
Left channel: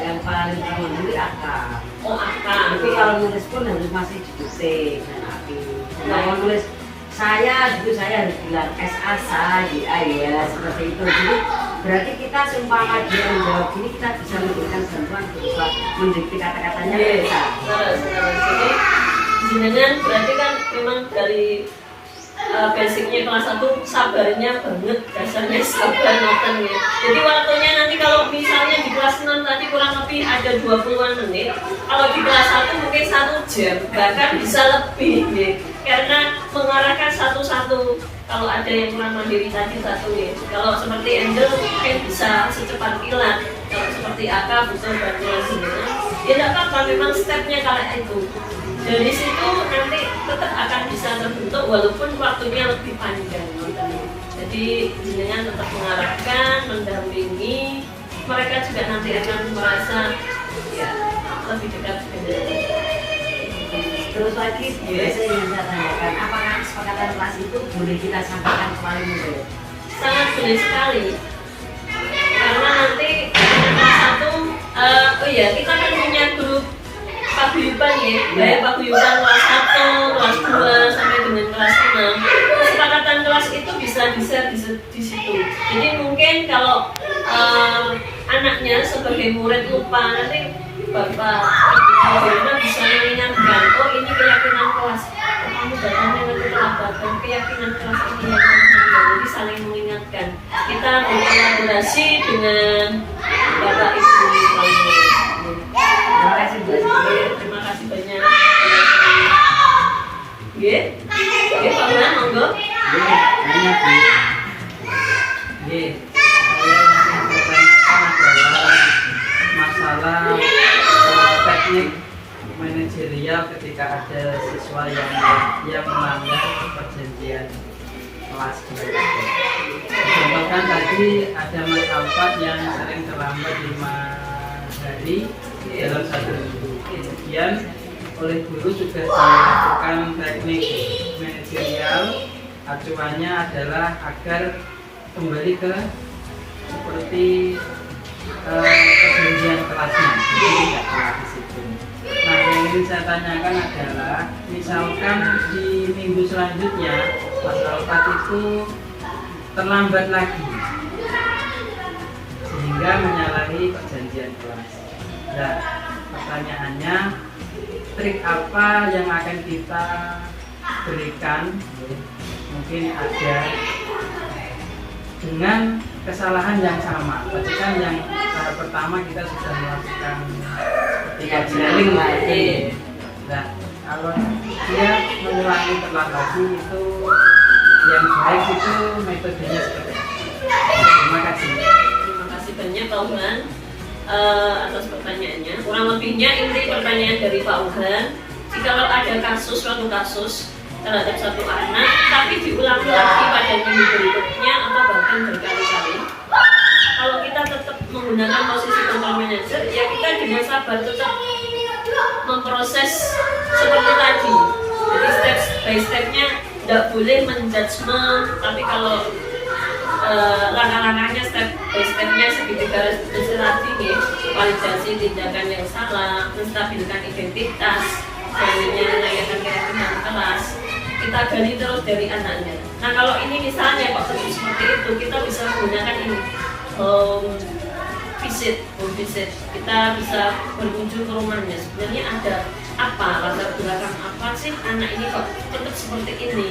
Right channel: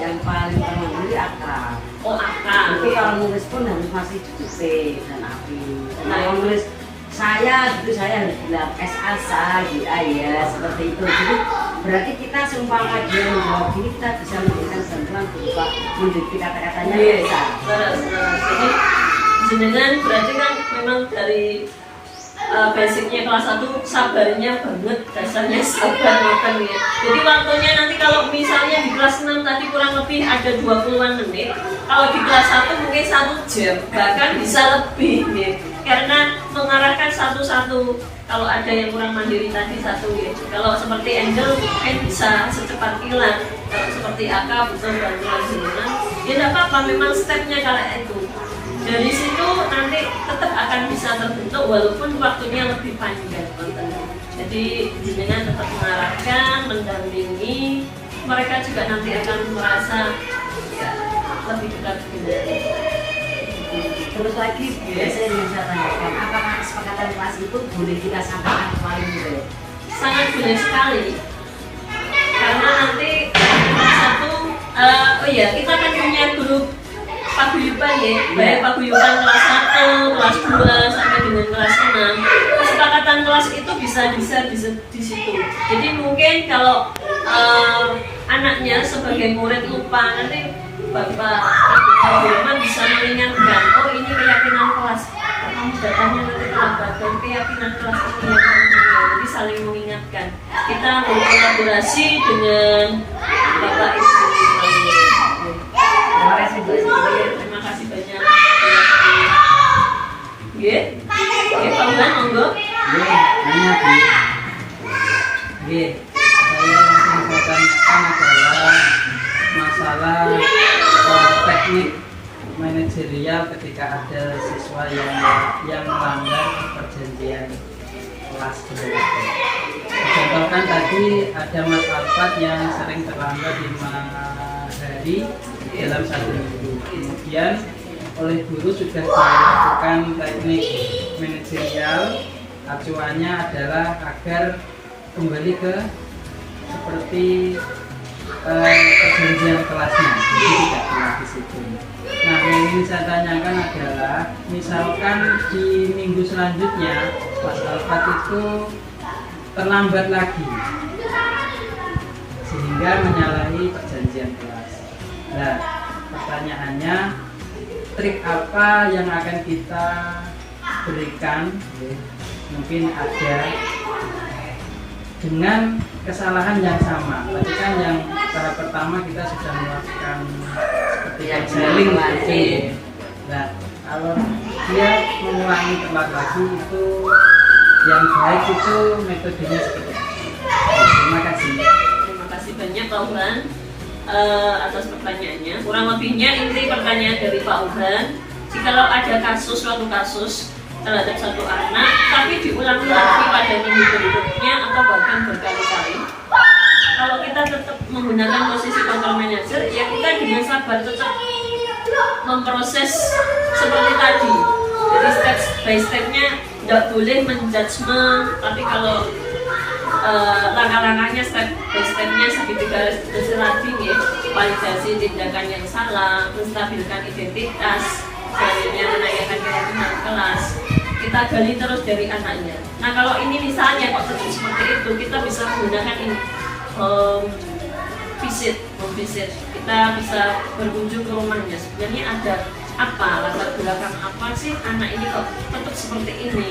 yang paling mandiri akal. Oh akal. Tapi kalau nulis pun harus masih diketik dan api. Nah, kalau nulis saya harus bilang SA ya seperti itu. Jadi berarti kita seumpama dia menjawab ini, kita bisa memberikan bantuan berupa mendikte kata-katanya. Bisa. Jadi jenengan berarti kan memang dari basicnya kelas 1 sabarnya banget, dasarnya sabar ngoten ya. Jadi waktunya nanti kalau misalnya di kelas 6 tadi kurang lebih ada 20-an menit, kalau di kelas 1 mungkin 1 jam, bahkan bisa lebih ya. Karena mengarahkan satu-satu, kalau ada yang kurang mandiri tadi satu ya. Kalau seperti Angel mungkin bisa secepat kilat, kalau seperti Aka butuh bantuan jenengan, ya tidak apa-apa, memang stepnya kayak itu. Dari situ nanti tetap akan bisa terbentuk walaupun waktunya lebih panjang. Jadi jenengan tetap mengarahkan, mendampingi, mereka juga nanti akan merasa ya lebih dekat dengan. Terus lagi biasanya yang saya tanyakan, apakah kesepakatan kelas itu boleh kita sampaikan ke wali murid? Sangat boleh sekali. Karena nanti kita kan punya grup paguyuban ya, baik paguyuban kelas 1, kelas 2 sampai dengan kelas 6. Kesepakatan kelas itu bisa di situ. Jadi mungkin kalau anaknya sebagai murid lupa, nanti Bapak Ibu bisa mengingatkan, oh ini keyakinan kelas, kamu datangnya nanti terlambat, dan keyakinan kelas ini yang penting. Jadi saling mengingatkan. Kita berkolaborasi dengan Bapak Ibu. Terima kasih Bu. Terima kasih banyak. Pak Bulan, monggo. Hanya Bu. Saya yang bertanyakan adalah masalah teknik manajerial ketika ada siswa yang melanggar perjanjian kelas mereka. Contohkan tadi ada Mas Alfat yang sering terlambat 5 hari dalam 1 minggu. Kemudian oleh guru sudah dilakukan teknik manajerial, acuannya adalah agar kembali ke seperti perjanjian kelasnya, jadi tidak keluar di situ. Nah, yang ingin saya tanyakan adalah, misalkan di minggu selanjutnya Mas Alfat itu terlambat lagi, sehingga menyalahi perjanjian kelas. Nah, pertanyaannya, trik apa yang akan kita berikan? Mungkin ada dengan kesalahan yang sama. Tadi kan yang tahap pertama kita sudah melakukan seperti Journaling lagi. Nah, kalau dia mengulangi telat lagi itu yang baik itu metodenya seperti itu. Terima kasih. Terima kasih banyak Pak Uhan atas pertanyaannya. Kurang lebihnya inti pertanyaan dari Pak Uhan, jikalau ada suatu kasus terhadap satu anak tapi diulang lagi pada minggu berikutnya atau bahkan berkali-kali, kalau kita tetap menggunakan posisi control manager, ya kita dengan sabar tetap memproses seperti tadi. Jadi step by stepnya tidak boleh menjudgment, tapi kalau langkah-langkahnya step by stepnya segitiga tadi ya, validasi tindakan yang salah, menstabilkan identitas, selanjutnya menanyakan keyakinan kelas, kita gali terus dari anaknya. Nah kalau ini misalnya kok terus seperti itu, kita bisa menggunakan ini home visit, kita bisa berkunjung ke rumahnya. Sebenarnya ada apa, latar belakang apa sih anak ini kok tetap seperti ini?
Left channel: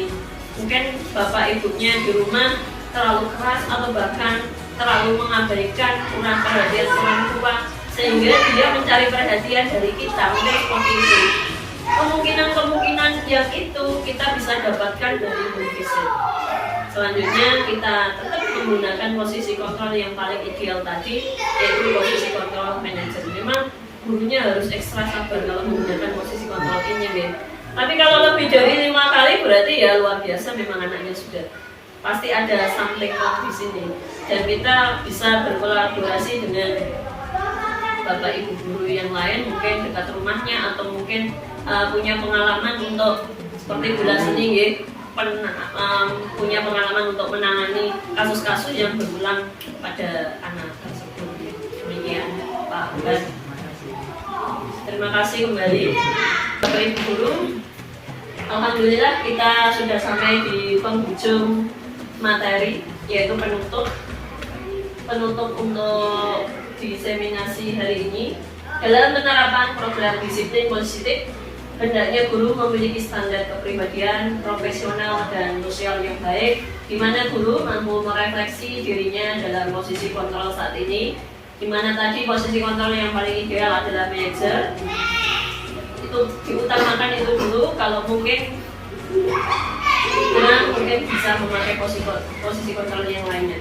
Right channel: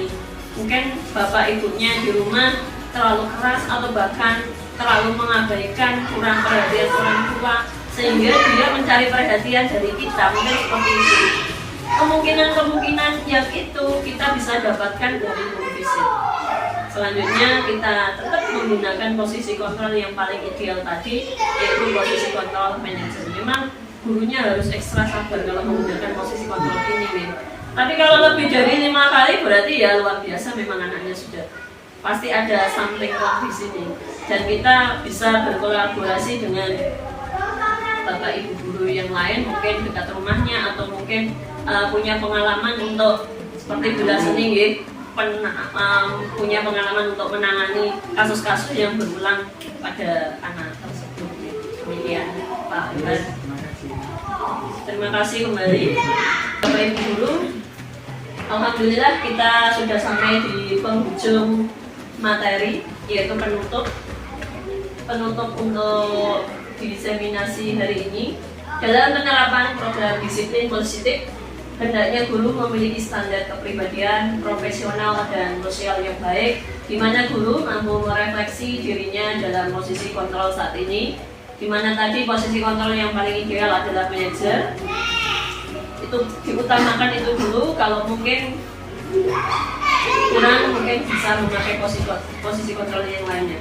Mungkin bapak ibunya di rumah terlalu keras atau bahkan terlalu mengabaikan, kurang perhatian orang tua, sehingga dia mencari perhatian dari kita. Mungkin seperti itu. Kemungkinan yang itu kita bisa dapatkan dari home visit. Selanjutnya kita tetap menggunakan posisi kontrol yang paling ideal tadi, yaitu posisi kontrol manager. Memang gurunya harus ekstra sabar kalau menggunakan posisi kontrol ini, Ben. Tapi kalau lebih dari 5 kali berarti ya luar biasa, memang anaknya sudah pasti ada something wrong di sini. Dan kita bisa berkolaborasi dengan bapak ibu guru yang lain, mungkin dekat rumahnya atau mungkin punya pengalaman untuk seperti Bula Seni ya, punya pengalaman untuk menangani kasus-kasus yang berulang pada anak tersebut. Demikian Pak Uhan. Terima kasih kembali Bapak Ibu Guru. Alhamdulillah kita sudah sampai di penghujung materi, yaitu penutup untuk diseminasi hari ini. Dalam penerapan program disiplin positif, hendaknya guru memiliki standar kepribadian, profesional, dan sosial yang baik, di mana guru mampu merefleksi dirinya dalam posisi kontrol saat ini, di mana tadi posisi kontrol yang paling ideal adalah manajer. Itu diutamakan itu dulu, kalau mungkin kurang mungkin bisa memakai posisi kontrol yang lainnya.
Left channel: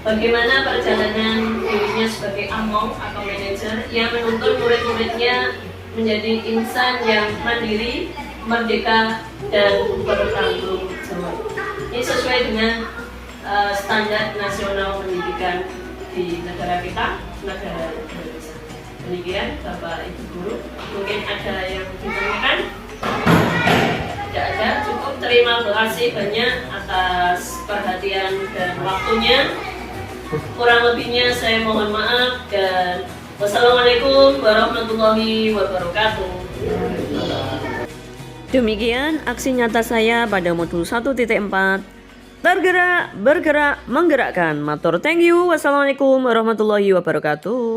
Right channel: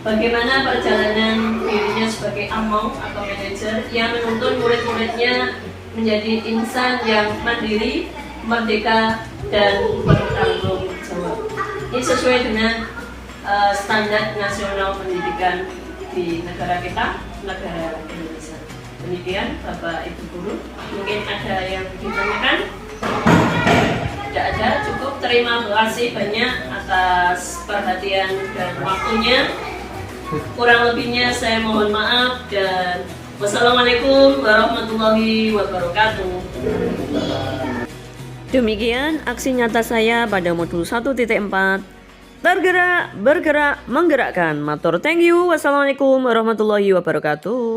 Bagaimana perjalanan dirinya sebagai among atau manajer yang menuntun murid-muridnya menjadi insan yang mandiri, merdeka, dan bertanggung jawab. Ini sesuai dengan standar nasional pendidikan di negara kita, negara Indonesia. Demikian Bapak Ibu Guru, mungkin ada yang ditanyakan? Tidak ada, cukup. Terima kasih banyak atas perhatian dan waktunya. Kurang lebihnya saya mohon maaf, dan wassalamualaikum warahmatullahi wabarakatuh. Demikian aksi nyata saya pada modul 1.4. Tergerak, bergerak, menggerakkan. Matur thank you. Wassalamualaikum warahmatullahi wabarakatuh.